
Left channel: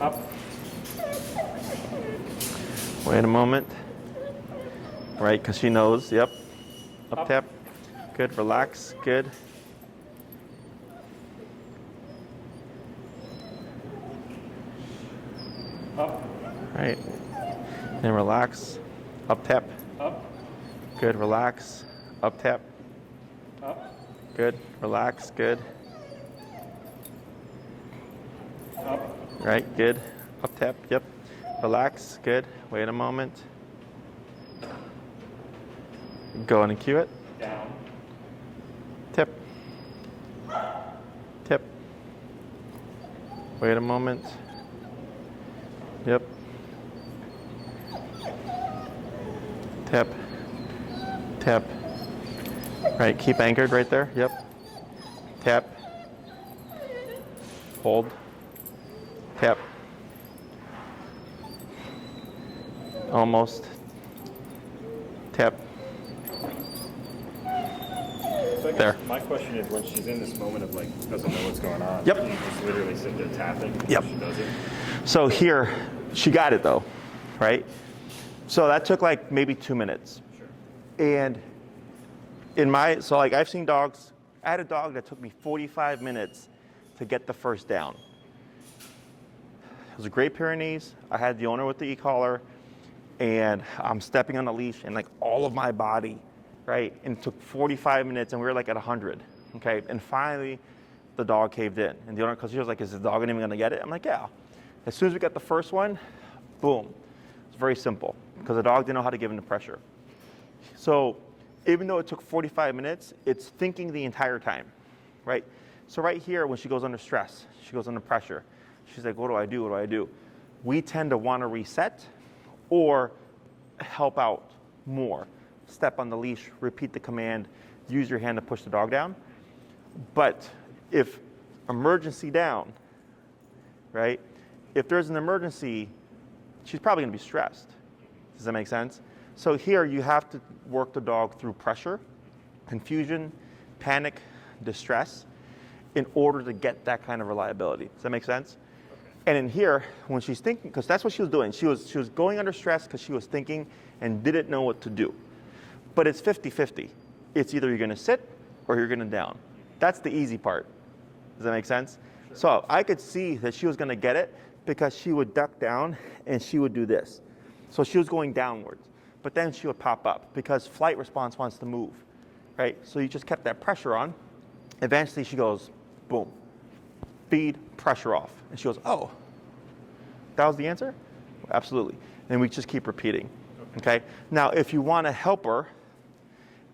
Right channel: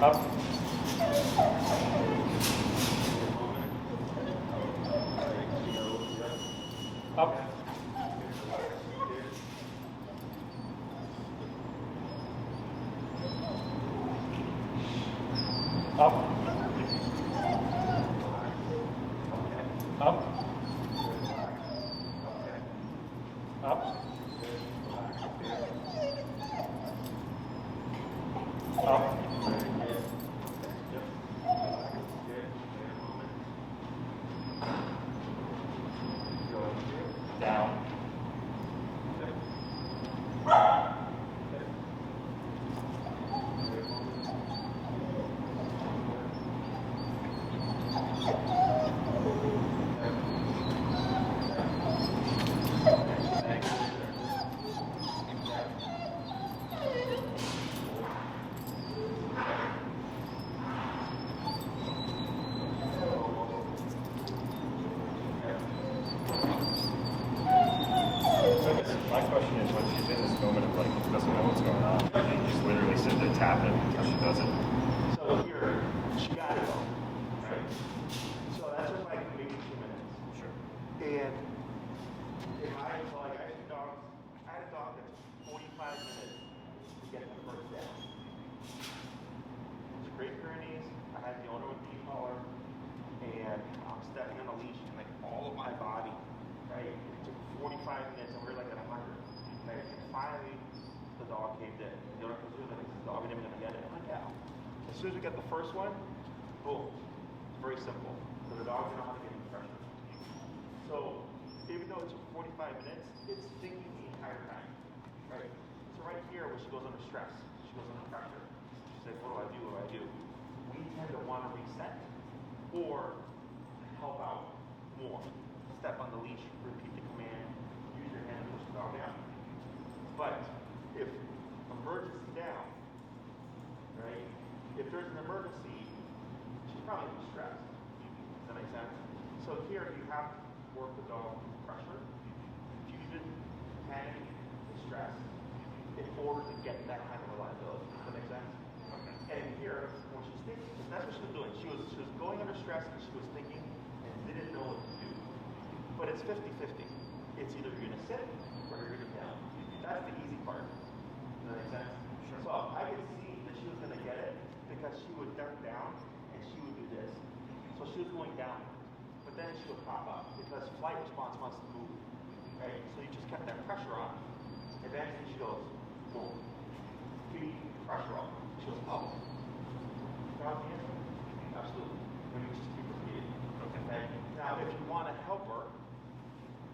on. Up. Wait a moment. Right, because she knows, yep. Up, tap. Good, relax, good. Up. Right. Then relax. Up, tap. Up. Good, relax. Up, tap. Up. Good, relax, good. Up. Right, good. Up, tap, yep. Relax, good. Wait a moment. Go in and cue it. Down. Tip. Tip. Wait a moment. Yep. Tap. Tap. Right, keep anchored right there. Yep. Tap. Hold. Tap. Almost. Tap. There. My question is, when she's in this moment of like doesn't know what's going on. Yep. You just literally sit there tapping. Yep. She does it. So here, she got it though, right? So that took like maybe 2 minutes. Sure. And so like I've seen dogs, I had a dog that took me 45 minutes to get the first down. It was a Great Pyrenees. I had the owner with the e-collar, and I'm stepping on the leash and like all of my body, right? And it took 45 minutes and we were like at 100, okay? And finally, the dog caved in. And the owner, because he was like, is the dog even gonna get it? I'm like, yeah. As soon as we got the first one, boom. It's very simple because the dog didn't know how to give in the pressure. So even though it took 45 minutes, it's thinking the entire time, right? So right here, when she goes under stress, she goes under pressure, she's like, what do I do? What do I do? We tend to want to reset or help out more. Step on the leash, repeat the command, use your hand to push the dog down. But if emergency down, right? If there's an emergency, she's probably going to be stressed. Does that make sense? So here you have to work the dog through pressure, confusion, panic, distress in order to get that kind of reliability. Does that make sense? And in here, when she's thinking, because that's what she was doing, she was going under stress because she was thinking and didn't know what to do. But it's 50-50. It's either you're going to sit or you're going to down. That's the easy part. Does that make sense? So I could see that she was going to get it because she would duck down and she would do this. So she was going downwards. But then she would pop up because flight response wants to move, right? So you just kept that pressure on. Eventually she goes, boom, feed, pressure off. And she goes, oh, that was the answer? Absolutely. And we just keep repeating, okay? Now, if you want to help her,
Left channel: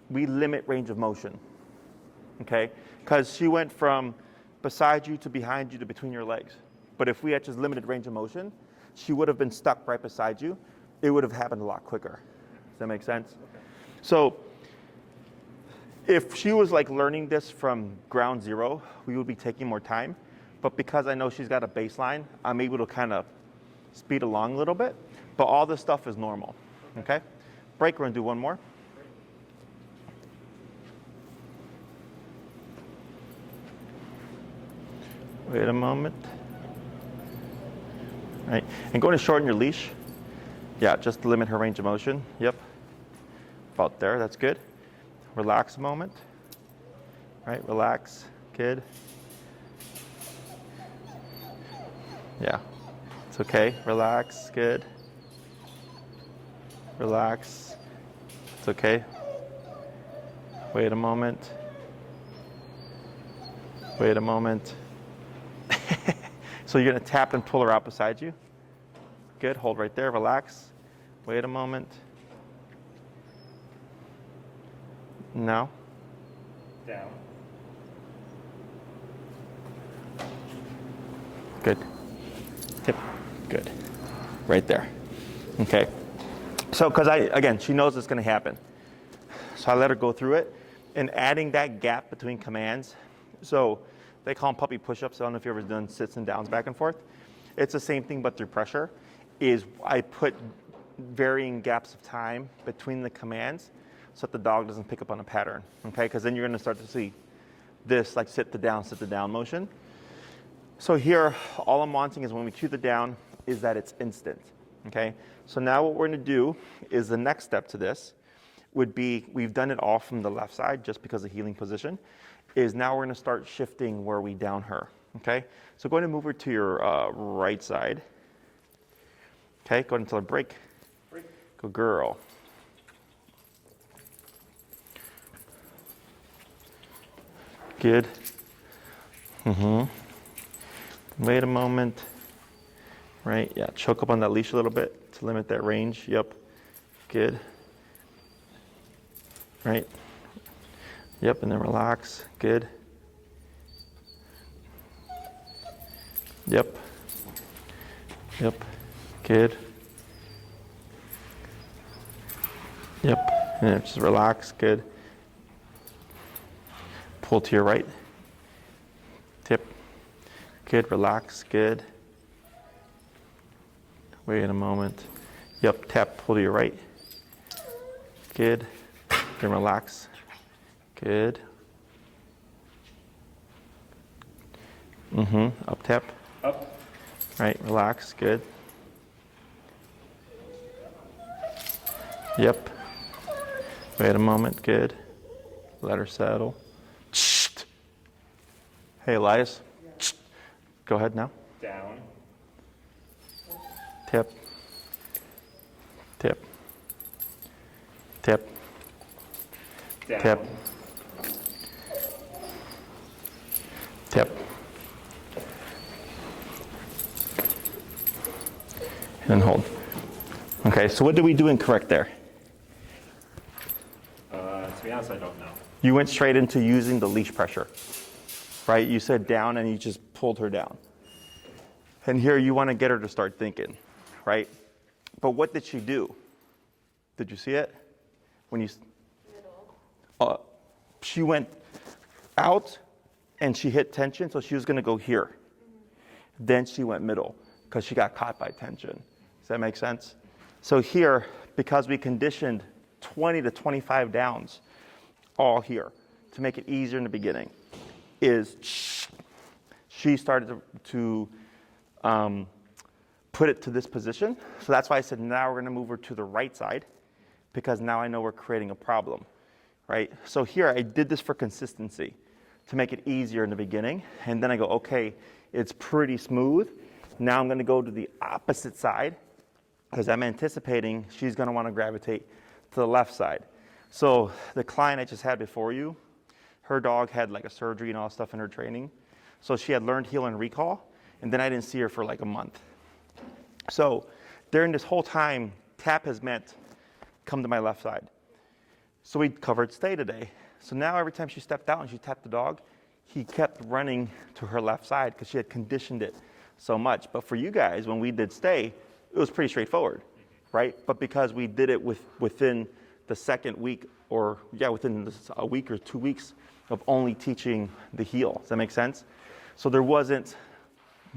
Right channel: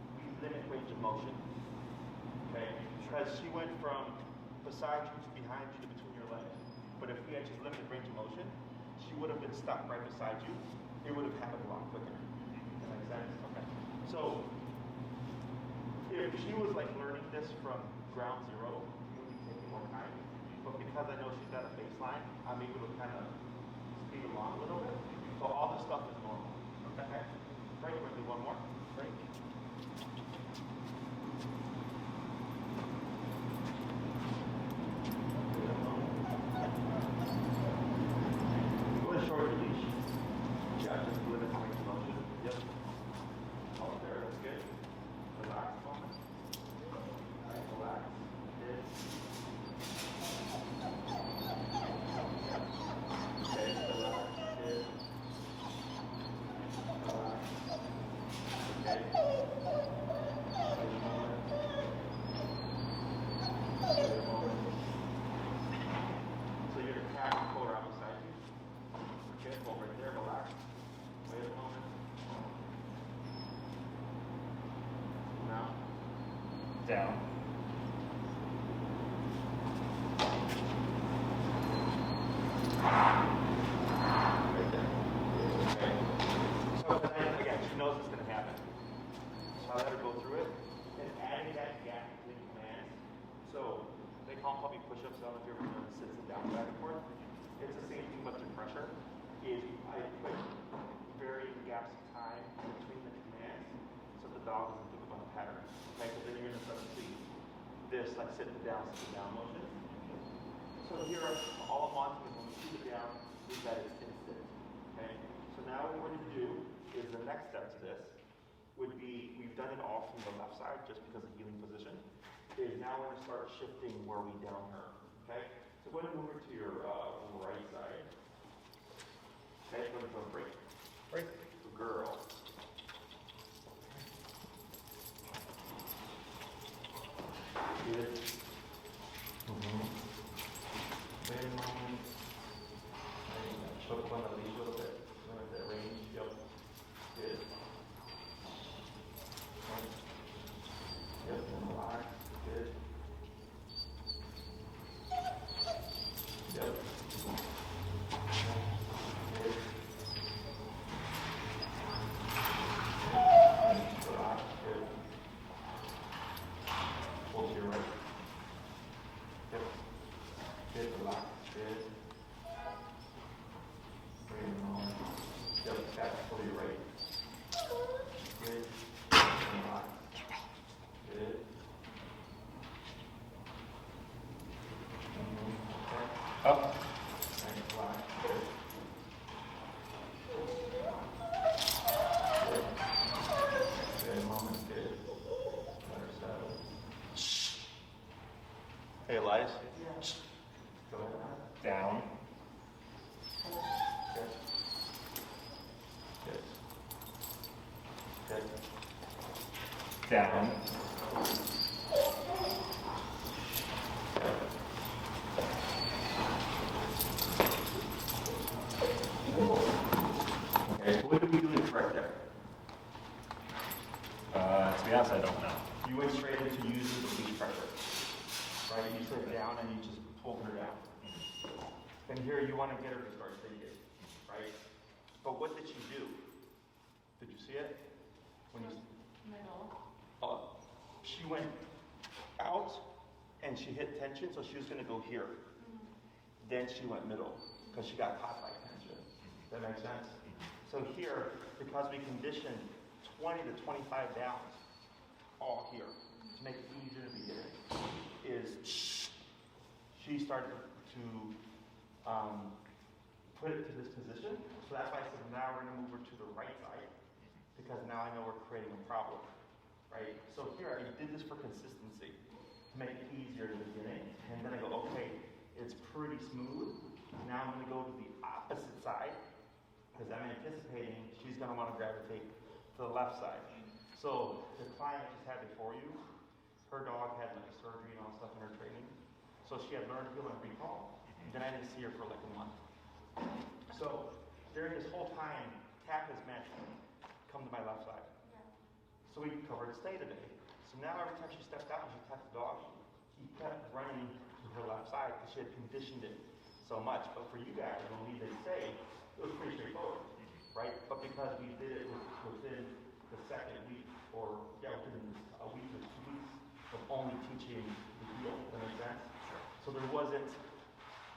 we limit range of motion, okay? Because she went from beside you to behind you to between your legs. But if we had just limited range of motion, she would have been stuck right beside you. It would have happened a lot quicker. Does that make sense? So if she was like learning this from ground zero, we would be taking more time. But because I know she's got a baseline, I'm able to kind of speed along a little bit. But all this stuff is normal, okay? Break, we're gonna do one more. Wait a moment. All right, and go to shorten your leash. Yeah, just to limit her range of motion. Yep, about there, that's good. Relax a moment. All right, relax, good. Yeah, it's okay, relax, good. Relax, it's okay. Wait a moment. Wait a moment. So you're gonna tap and pull her out beside you. Good, hold right there, relax. Wait a moment. No. Down. Good. Hip. Good. Right there. Okay. So, because again, she knows it's going to happen. So I let her go through it. And adding that gap between commands. So they call them puppy push-ups. I don't know if you've ever done sits and downs back and forth. It's the same thing, but through pressure. Is I put varying gaps of time between the commands so that the dog doesn't pick up on a pattern. Okay, because then you're going to start to see this like sit to down motion. So here, all I'm wanting is when we cue the down is that it's instant. Okay, so now what we're going to do is the next step to this would be, we've done it all from the left side just because of healing position, is now we're going to start shifting where we down her. Okay, so go ahead and move her to your right side. Okay, go ahead and tell her break. Break. Good girl. Good. Wait a moment. Right, yeah, choke up on that leash a little bit to limit that range. Yep. Good. Right. Yep, and then relax. Good. Yep. Yep. Good. Yep. And then just relax. Good. Pull to your right. Tip. Good. Relax. Good. Wait a moment. Yep. Tap. Pull to your right. Good. Then relax. Good. Up tap. Up. Right. Relax. Good. Yep. Wait a moment. Good. Let her settle. Hey, Elias. Go ahead now. Down. Tip. Tip. Tip. Down. Tip. Tip. And hold. Okay, so what did we do incorrect there? To be honest, I don't know. You went straight into using the leash pressure, right? You said down and you just pulled her down. And here you want to get her to start thinking, right? But what did she do? Did you see it? When you, Middle. she went out and she hit tension, so she was gonna go here. Then she went middle because she got caught by tension. Does that make sense? So here, because we conditioned 20 to 25 downs all here to make it easier in the beginning, is she started to put it to this position. So that's why I said now we're gonna move her to the right side, because now I know we're creating a problem, right? So here I did this for consistency to make it easier in the beginning. And then I go, okay, it's pretty smooth. Now I'm gonna go to the opposite side because I'm anticipating she's gonna wanna gravitate to the left side. So the client I just had before you, her dog had like a surgery and all stuff in her training. So she had learned heel and recall, and then I didn't see her for like a month. So during this whole time, tap has meant come to my left side. So we covered stay today. So now every time she stepped out and she tapped the dog, he kept running to her left side because she had conditioned it so much. But for you guys, when we did stay, it was pretty straightforward, right? But because we did it within the second week, or within a week or 2 weeks of only teaching the heel. Does that make sense? So there wasn't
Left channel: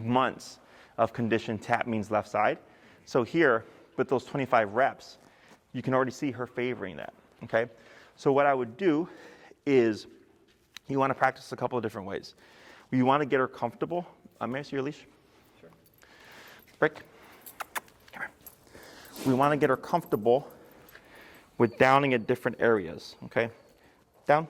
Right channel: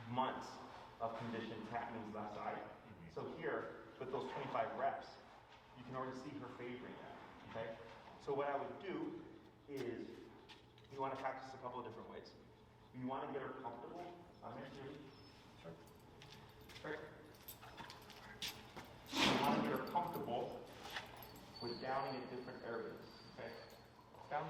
months of conditioned tap means left side. So here, with those 25 reps, you can already see her favoring that, okay? So what I would do is, you want to practice a couple of different ways. You want to get her comfortable. May I see your leash? Sure. Brick. Come here. We want to get her comfortable with downing at different areas, okay? Down.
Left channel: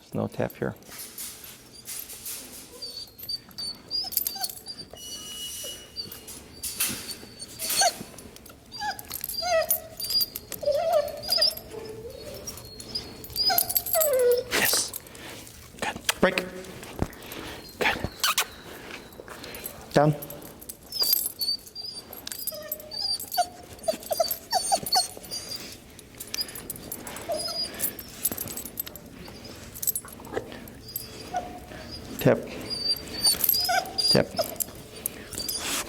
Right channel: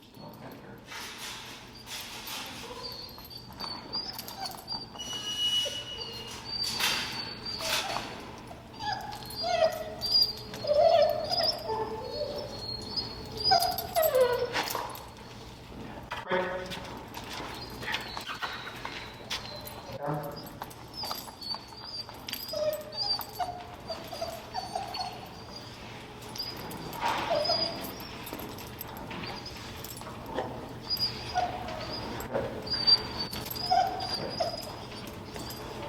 There's no tap here. Break. Good. Down. Tap. Tap.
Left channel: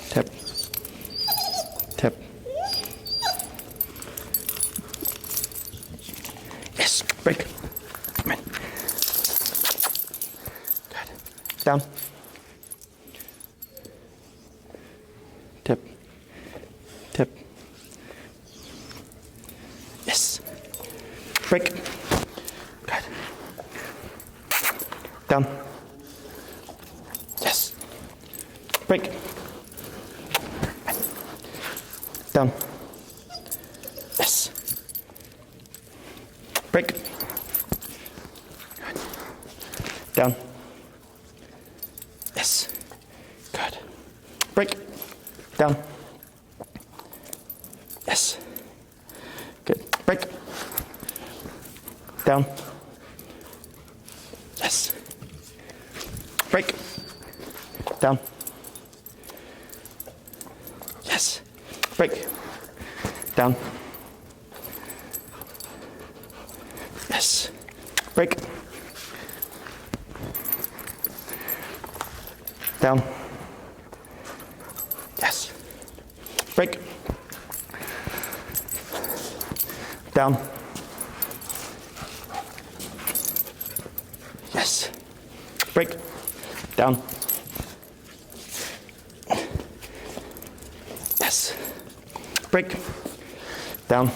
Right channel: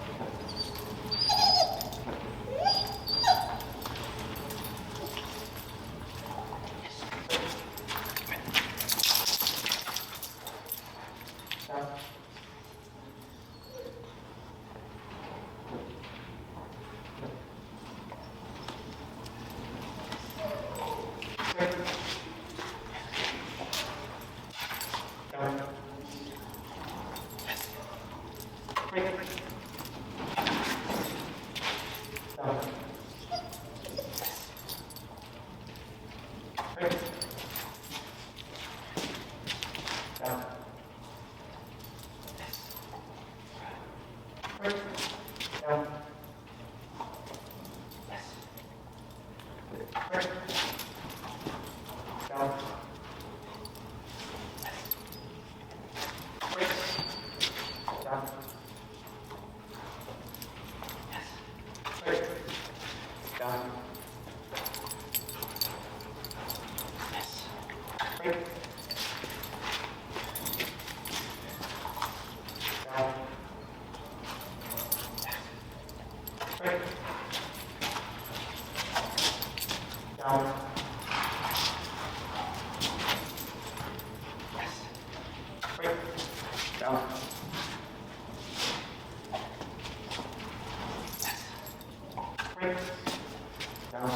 Tap. Tap. Yes. Break. Come in. Down. Tip. Tip. Yes. Break. Good. Down. Yes. Break. Down. Yes. Break. Down. Yes. Good. Break. Down. Yes. Good. Break. Down. Yes. Break. Down. Yes. Break. Down. Yes. Break. Down. Yes. Break. Down. Yes. Break. Down. Yes. Break. Down.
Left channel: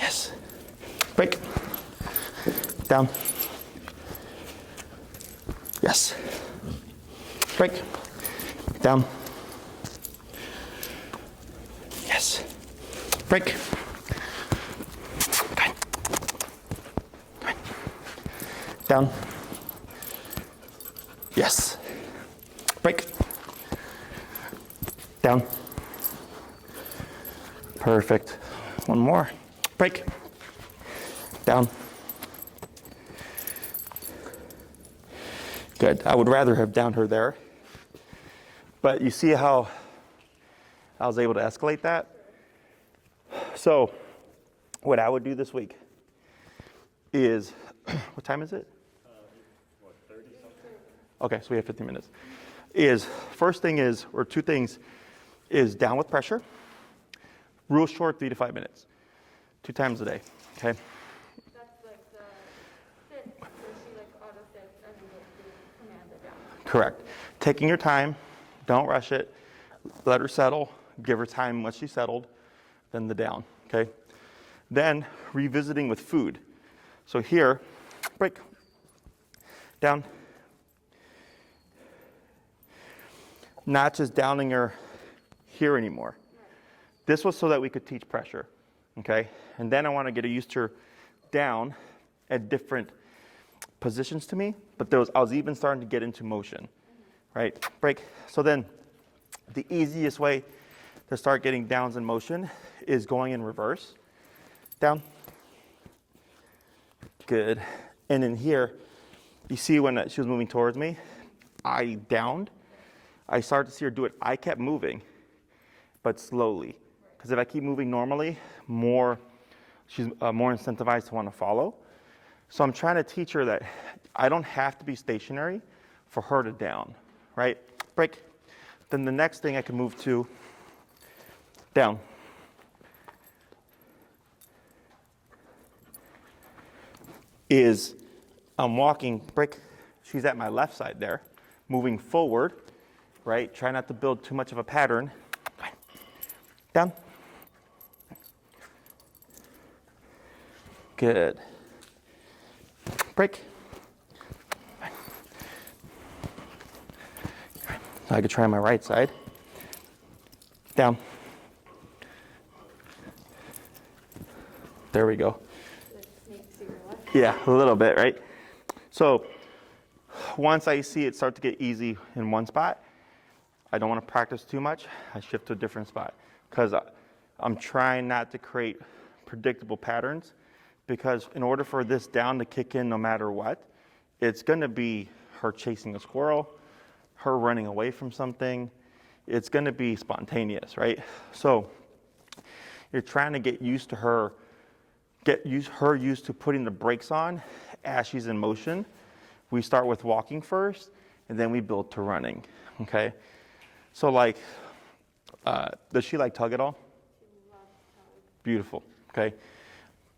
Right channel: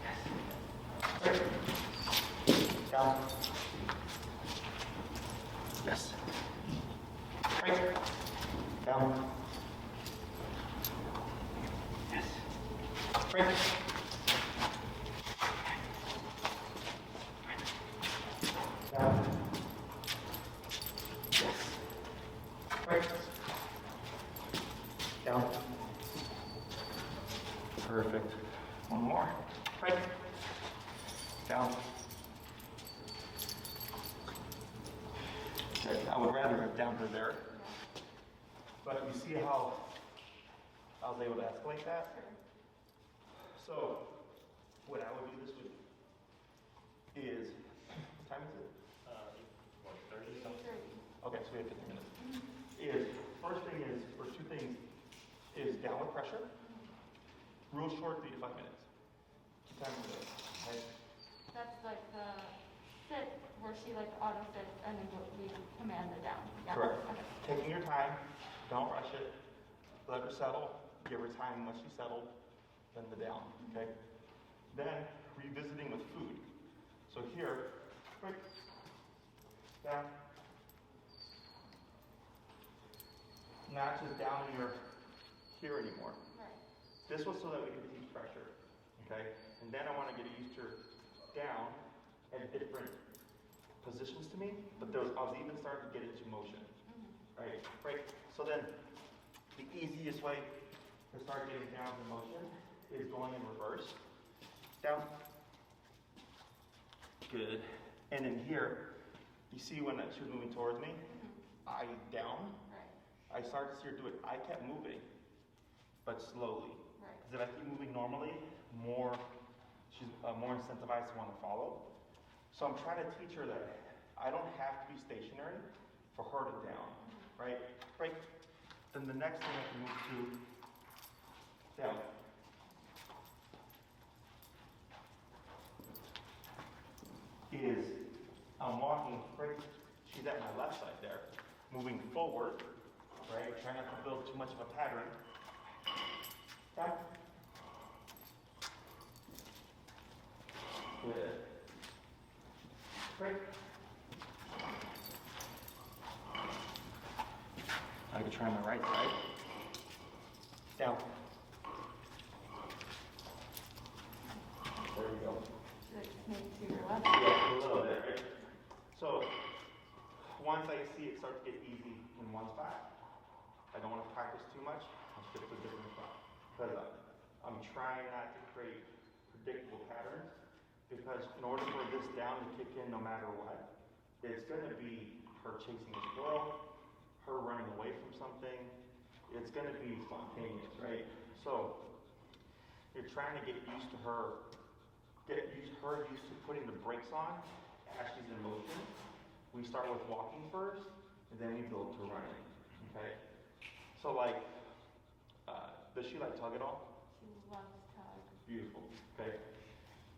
Yes. Break. Down. Yes. Break. Down. Yes. Break. Good. Good. Down. Yes. Break. Down. Perfect. One more. Break. Down. Good. I would rather have downed her there. But you see how I was able to escalate that? So what I would do this week is what time is it? Okay, so we have 15 minutes. Is first thing is, or two things, is down with pressure. Real short, 3 to 5 minutes. 2 times a day, okay? That's like the sit where she like auto sits and we command it down. Correct. Taking your time, don't rush it. Let her settle, give her time once she's settled, then the down, okay? Then revisiting with food. So here, break, down. Not just downing her here anymore. This was so that we could teach pressure, okay? And then I want to get used to her down at different positions to me, but I was even starting to get into motion, right? Break. So then the easiest way to start getting downs in motion is going in reverse. Down. Good. And in here, you see when she was moving towards me, I downed. I started to see her do it. I kept moving, but slowly. Because if I keep moving normally, she's more incentivized to want to follow. So I'm trying to teach her that I don't have to be stationary for her to down, right? Break. Then the next thing I can move to, down. Is I'm walking, break. She's at my left side there, moving forward, right? Try not to build too much of a pattern. Down. Good. Break. I could try my right side. Down. There we go. Yeah, a little bit, right? So once I see it start to get easy in one spot, I don't want to practice too much. I shift to a different spot because I'm trying not to create predictable patterns, because in order for this down to kick in no matter what, it's going to be her chasing a squirrel, her running away from something. It's going to be spontaneous, right? So you're trying to get used to her, used to putting the brakes on as she's in motion. We start with walking first, and then we build to running, okay? So like, does she like tug at all? She loves tug. Beautiful, okay?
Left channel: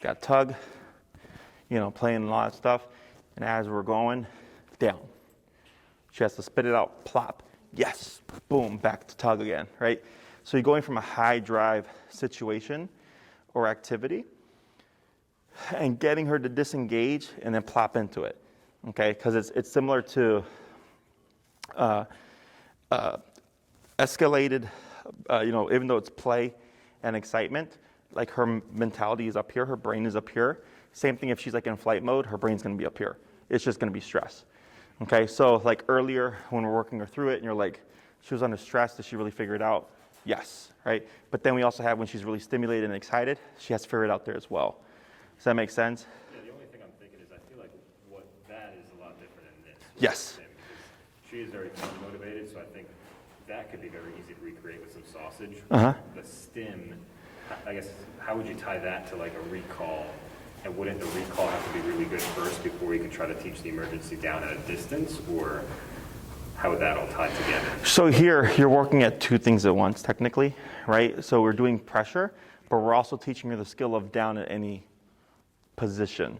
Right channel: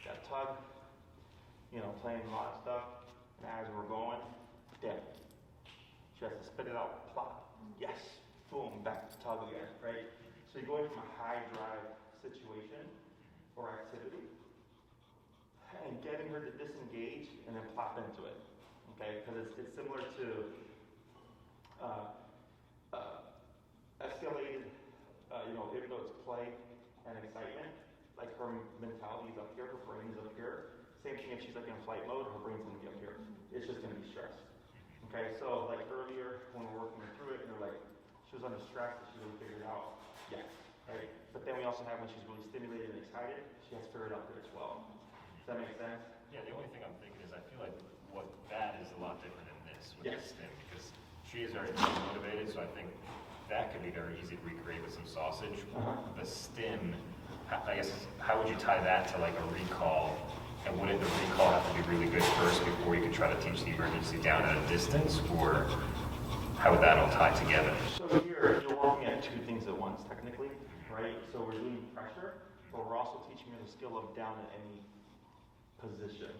Got tug, playing a lot of stuff, and as we're going, down. She has to spit it out, plop, yes, boom, back to tug again, right? So you're going from a high drive situation or activity and getting her to disengage and then plop into it, okay? Because it's similar to escalated, even though it's play and excitement, like her mentality is up here, her brain is up here. Same thing if she's like in flight mode, her brain's gonna be up here. It's just gonna be stress, okay? So like earlier when we're working her through it and you're like, she was under stress, did she really figure it out? Yes, right? But then we also have when she's really stimulated and excited, she has to figure it out there as well. Does that make sense? Yeah, the only thing I'm thinking is I feel like what that is a lot different than this. Yes. Because she is very motivated, so I think that could be very easy to recreate with some sausage. Uh-huh. The stim, I guess, how would you tie that to like a recall? And wouldn't the recall have to be really good first before you could try to teach the emergency down at a distance? Or how would that all tie together? So here, you're working at two things at once, technically, right? So we're doing pressure, but we're also teaching her the skill of down at any position.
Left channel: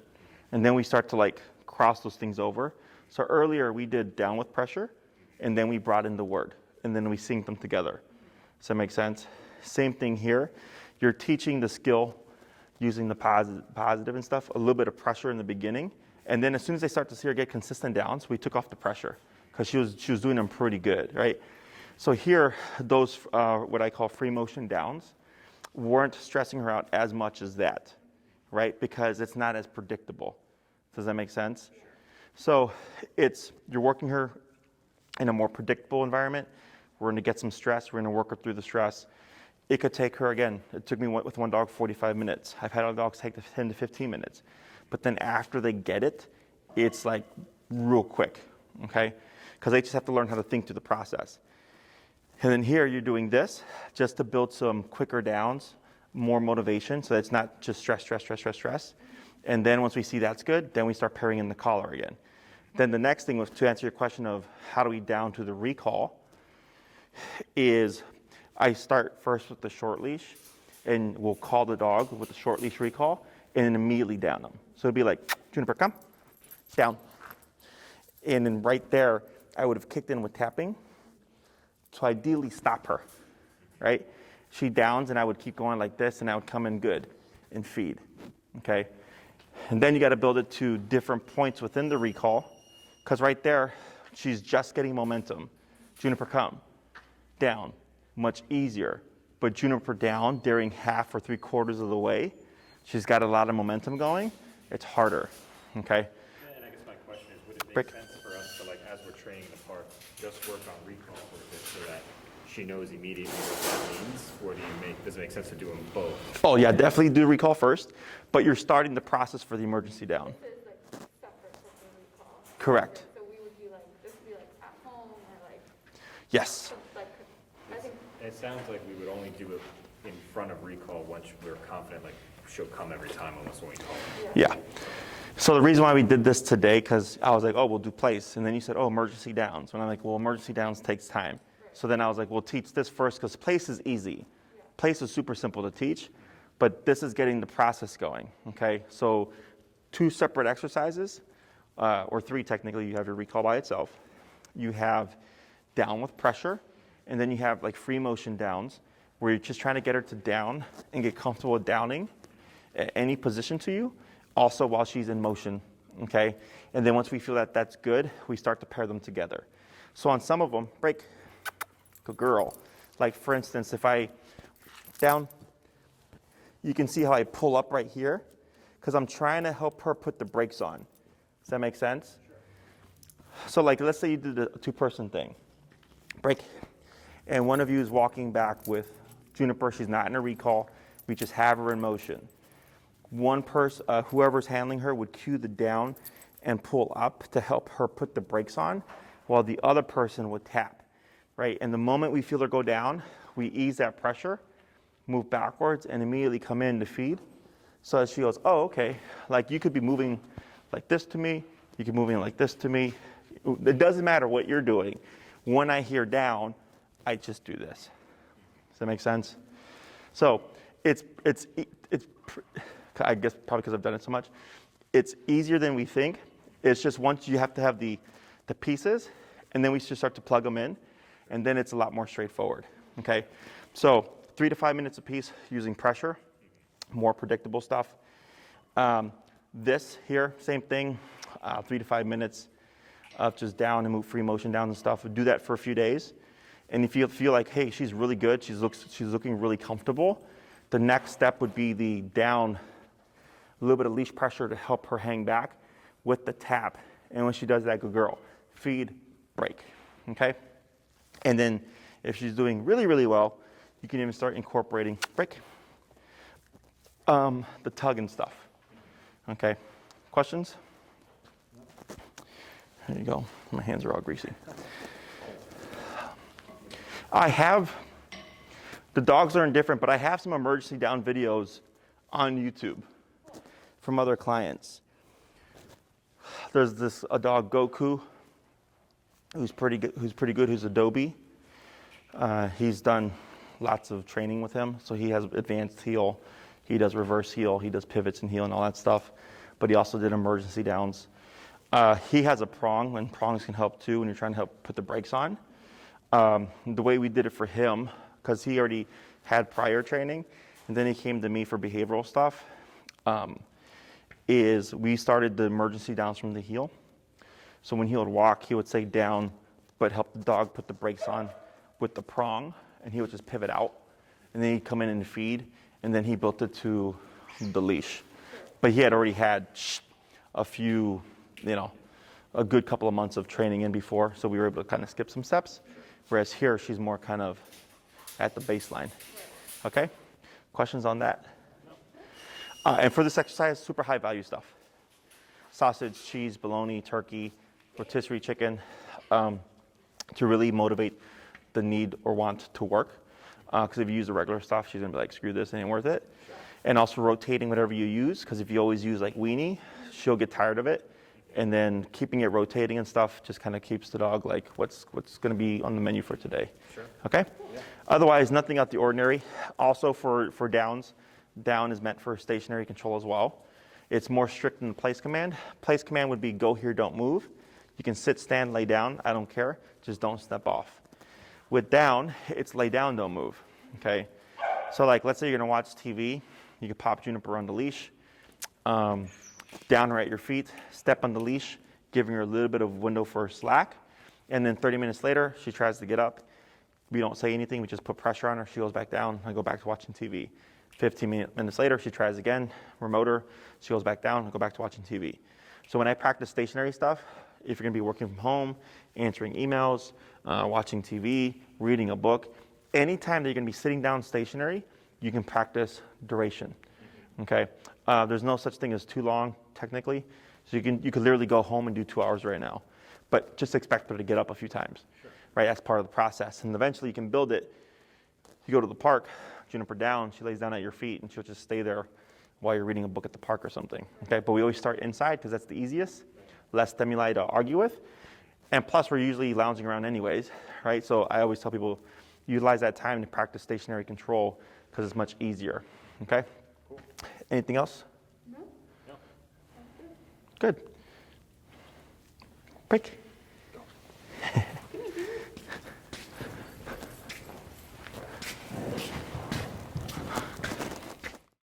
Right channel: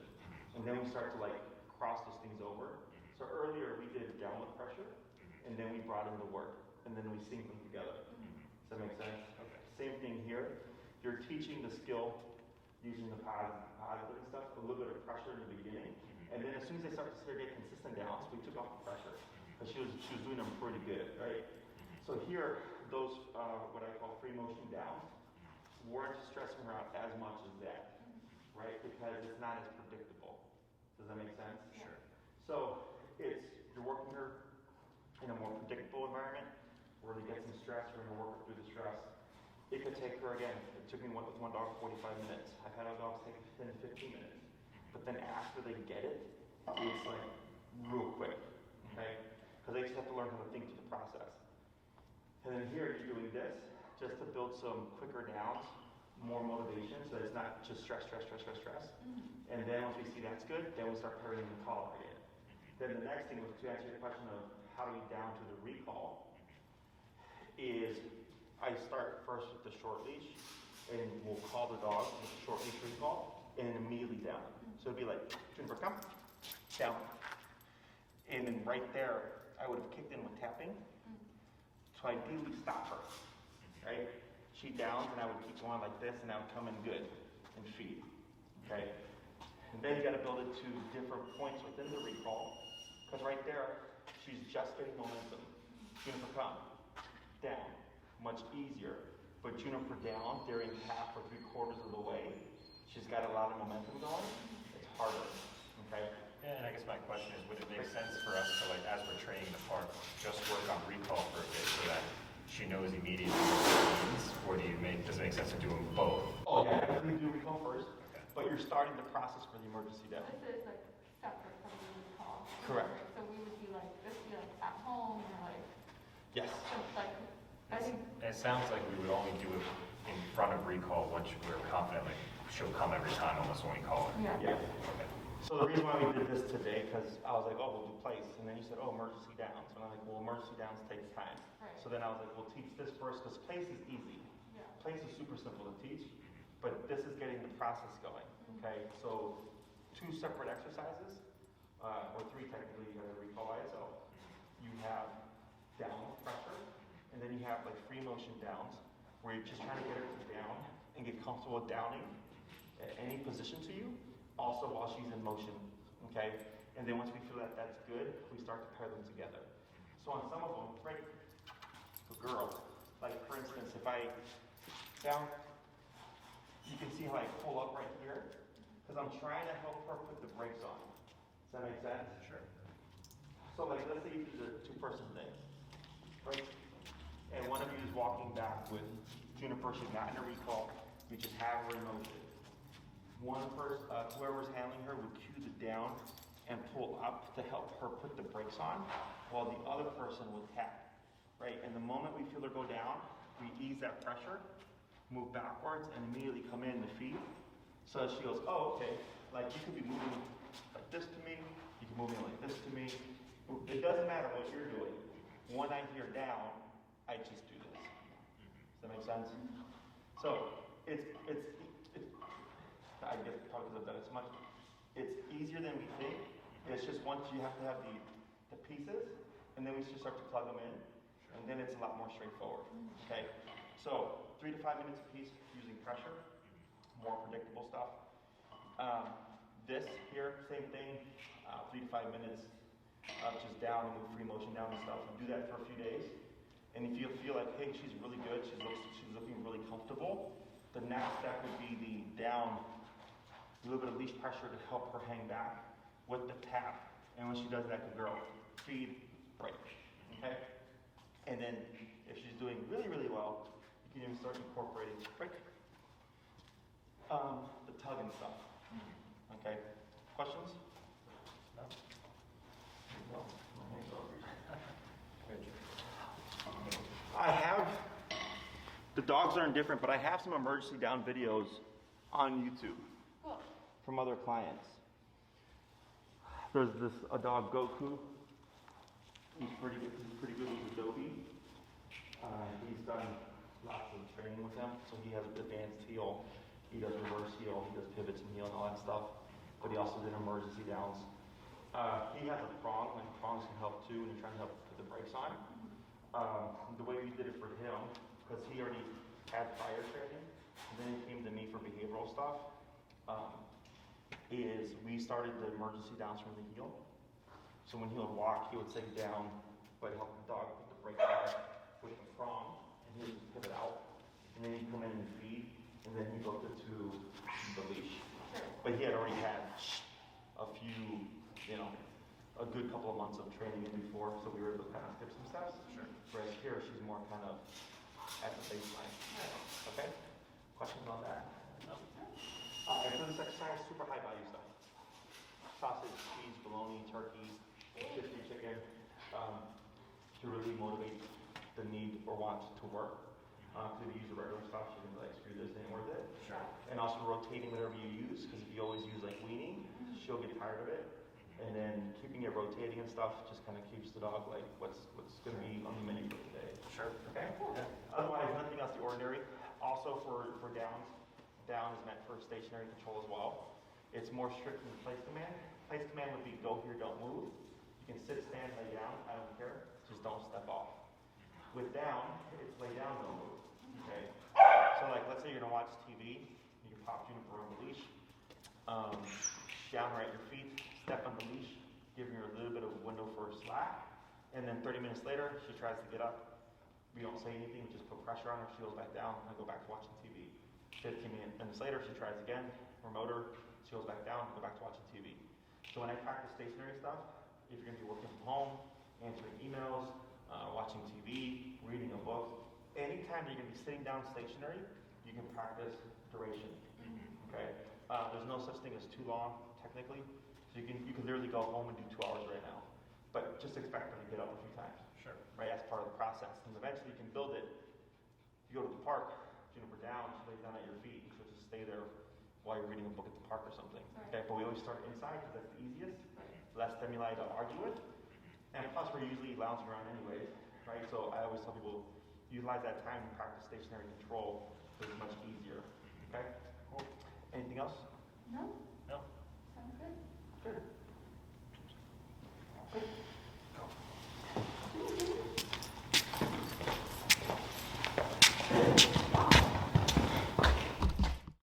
And then we start to like cross those things over. So earlier we did down with pressure, and then we brought in the word, and then we synced them together. Does that make sense? Same thing here. You're teaching the skill using the positive and stuff, a little bit of pressure in the beginning. And then as soon as they start to see her get consistent downs, we took off the pressure because she was doing them pretty good, right? So here, those what I call free motion downs weren't stressing her out as much as that, right? Because it's not as predictable. Does that make sense? So you're working her in a more predictable environment. We're going to get some stress. We're going to work her through the stress. It could take her, again, it took me with one dog 45 minutes. I've had other dogs take 10 to 15 minutes. But then after they get it, it's like real quick, okay? Because they just have to learn how to think through the process. And then here you're doing this just to build some quicker downs, more motivation, so that it's not just stress, stress, stress, stress, stress. And then once we see that's good, then we start pairing in the collar again. Then the next thing was to answer your question of how do we down to the recall is I start first with the short leash and we'll call the dog with the short leash recall and then immediately down them. So it'd be like, Juniper, come, down. And then right there, I would have kicked in with tapping. So ideally stop her, right? She downs and I would keep going like this and I would come in good and feed, okay? And then you gotta build it to different points within the recall because right there, she's just getting momentum. Juniper, come, down, much easier. But Juniper down during half or 3/4 of the way, she's got a lot of momentum going, it's harder, okay? And I guess my question is, would it make Break. sense for us to, like, as we're training the park, just work on recall for a bit so that she knows immediately what it means? Or does it make sense to do them both? Oh yeah, definitely do recall first, but you're starting the process for the emergency down. This is like separate from the recall. Correct. So we would be like, this would be like at home or like, Yes. like, I think, It sounds like we would only do it in front of recall once we're confident, like, she'll come every time almost when we call her. Yeah. So the reason why we did this today, because I was like, oh, we'll do place. And then you said, oh, emergency downs. And I'm like, well, emergency downs takes time. So then I was like, we'll teach this first because place is easy. Place is super simple to teach, but this is getting the process going, okay? So 2 separate exercises, or 3 technically, you have your recall by itself. You have down with pressure, and then you have like free motion downs, where you're just trying to get her to down and get comfortable with downing at any position to you, also while she's in motion, okay? And then once we feel that that's good, we start to pair them together. So on some of them, break, good girl. Like for instance, if I down, you can see how I pull up right here, because I'm trying to help her put the brakes on. Does that make sense? Sure. So like, let's say you did a 2-person thing, break, and one of you is walking back with Juniper, she's not in a recall, we just have her in motion. One person, whoever's handling her would cue the down and pull up to help her put the brakes on, while the other person would tap, right? And the moment we feel her go down, we ease that pressure, move backwards, and immediately come in to feed. So as she goes, oh, okay, like you could be moving like this to me, you could be moving like this to me. It doesn't matter what you're doing. When I hear down, I just do this. Does that make sense? So it's I guess probably because I've done it so much, it's easier than we think. It's just once you have to have the pieces, and then we just start to plug them in, and then it's a lot more straightforward, okay? So 3 to 5 minutes a piece using pressure, more predictable stuff. This here, same thing, 3 to 5 minutes of just down and move free motion down and stuff. Do that for a few days. And if you feel like, hey, she's really good, she's looking really comfortable, the next step would be the down, a little bit of leash pressure to help her hang back with the tap. And when she does that, good girl, feed, break, okay? And then if she's doing really, really well, you can even start incorporating break, the tug and stuff, okay? Questions? There you go. My hands are all greasy. I have, the dogs are indifferent, but I have some emergency down videos on YouTube from other clients. There's a dog, Goku, who's pretty good, who's Adobe. He's done lots of training with him, so he has advanced heel, he does reverse heel, he does pivots and heel and all that stuff, but he also did emergency downs. He has a prong, and prongs can help too when you're trying to help put the brakes on. The way we did it for him, because he already had prior training, and then he came to me for behavioral stuff, is we started the emergency downs from the heel. So when he would walk, he would say down, but help the dog put the brakes on with the prong, and he would just pivot out, and then he'd come in and feed, and then he built it to the leash. But he had already had a few, a good couple of months of training in before, so we were able to kind of skip some steps. Whereas here, she's more kind of at the baseline. Okay? Questions on that? And for this exercise, super high value stuff. Sausage, cheese, bologna, turkey, rotisserie chicken, to really motivate the need or want to work. Because if you use the regular stuff, she's gonna be like, screw this, it ain't worth it. And also rotating whatever you use, because if you always use like weenie, she'll get tired of it. And then keeping it rotating and stuff just kind of keeps the dog like, what's going to be on the menu for today. Sure. Okay? Yeah. Otherwise, nothing out the ordinary. Also for downs, down is meant for stationary control as well. It's more strict than the place command. Place command would be go here, don't move. You can sit, stand, lay down, I don't care, just don't step off. With down, it's lay down, don't move, okay? So like, let's say you're gonna watch TV, you can pop Juniper on the leash, down right at your feet, step on the leash, giving her a little bit of window for slack, and then 30 minutes later, she tries to get up. We don't say anything, we just put pressure on her, she goes back down, I go back to watching TV. 15 minutes later, she tries again, remote her, she goes back down, I go back to watching TV. So when I practice stationary stuff, if you're gonna be working from home, answering emails, watching TV, reading a book, anytime that you're gonna be sitting down stationary, you can practice duration, okay? There's no such thing as too long, technically. So you could literally go home and do 2 hours right now, but just expect her to get up a few times, sure. Right? That's part of the process. And eventually you can build it. You go to the park, Juniper down, she lays down at your feet and she'll just stay there while you're reading a book at the park or something, okay? But we always start inside because that's the easiest, less stimuli to argue with. And plus we're usually lounging around anyways, right? So I always tell people, utilize that time to practice stationary control because it's much easier, okay? Cool. Anything else? No. No. Good. Break.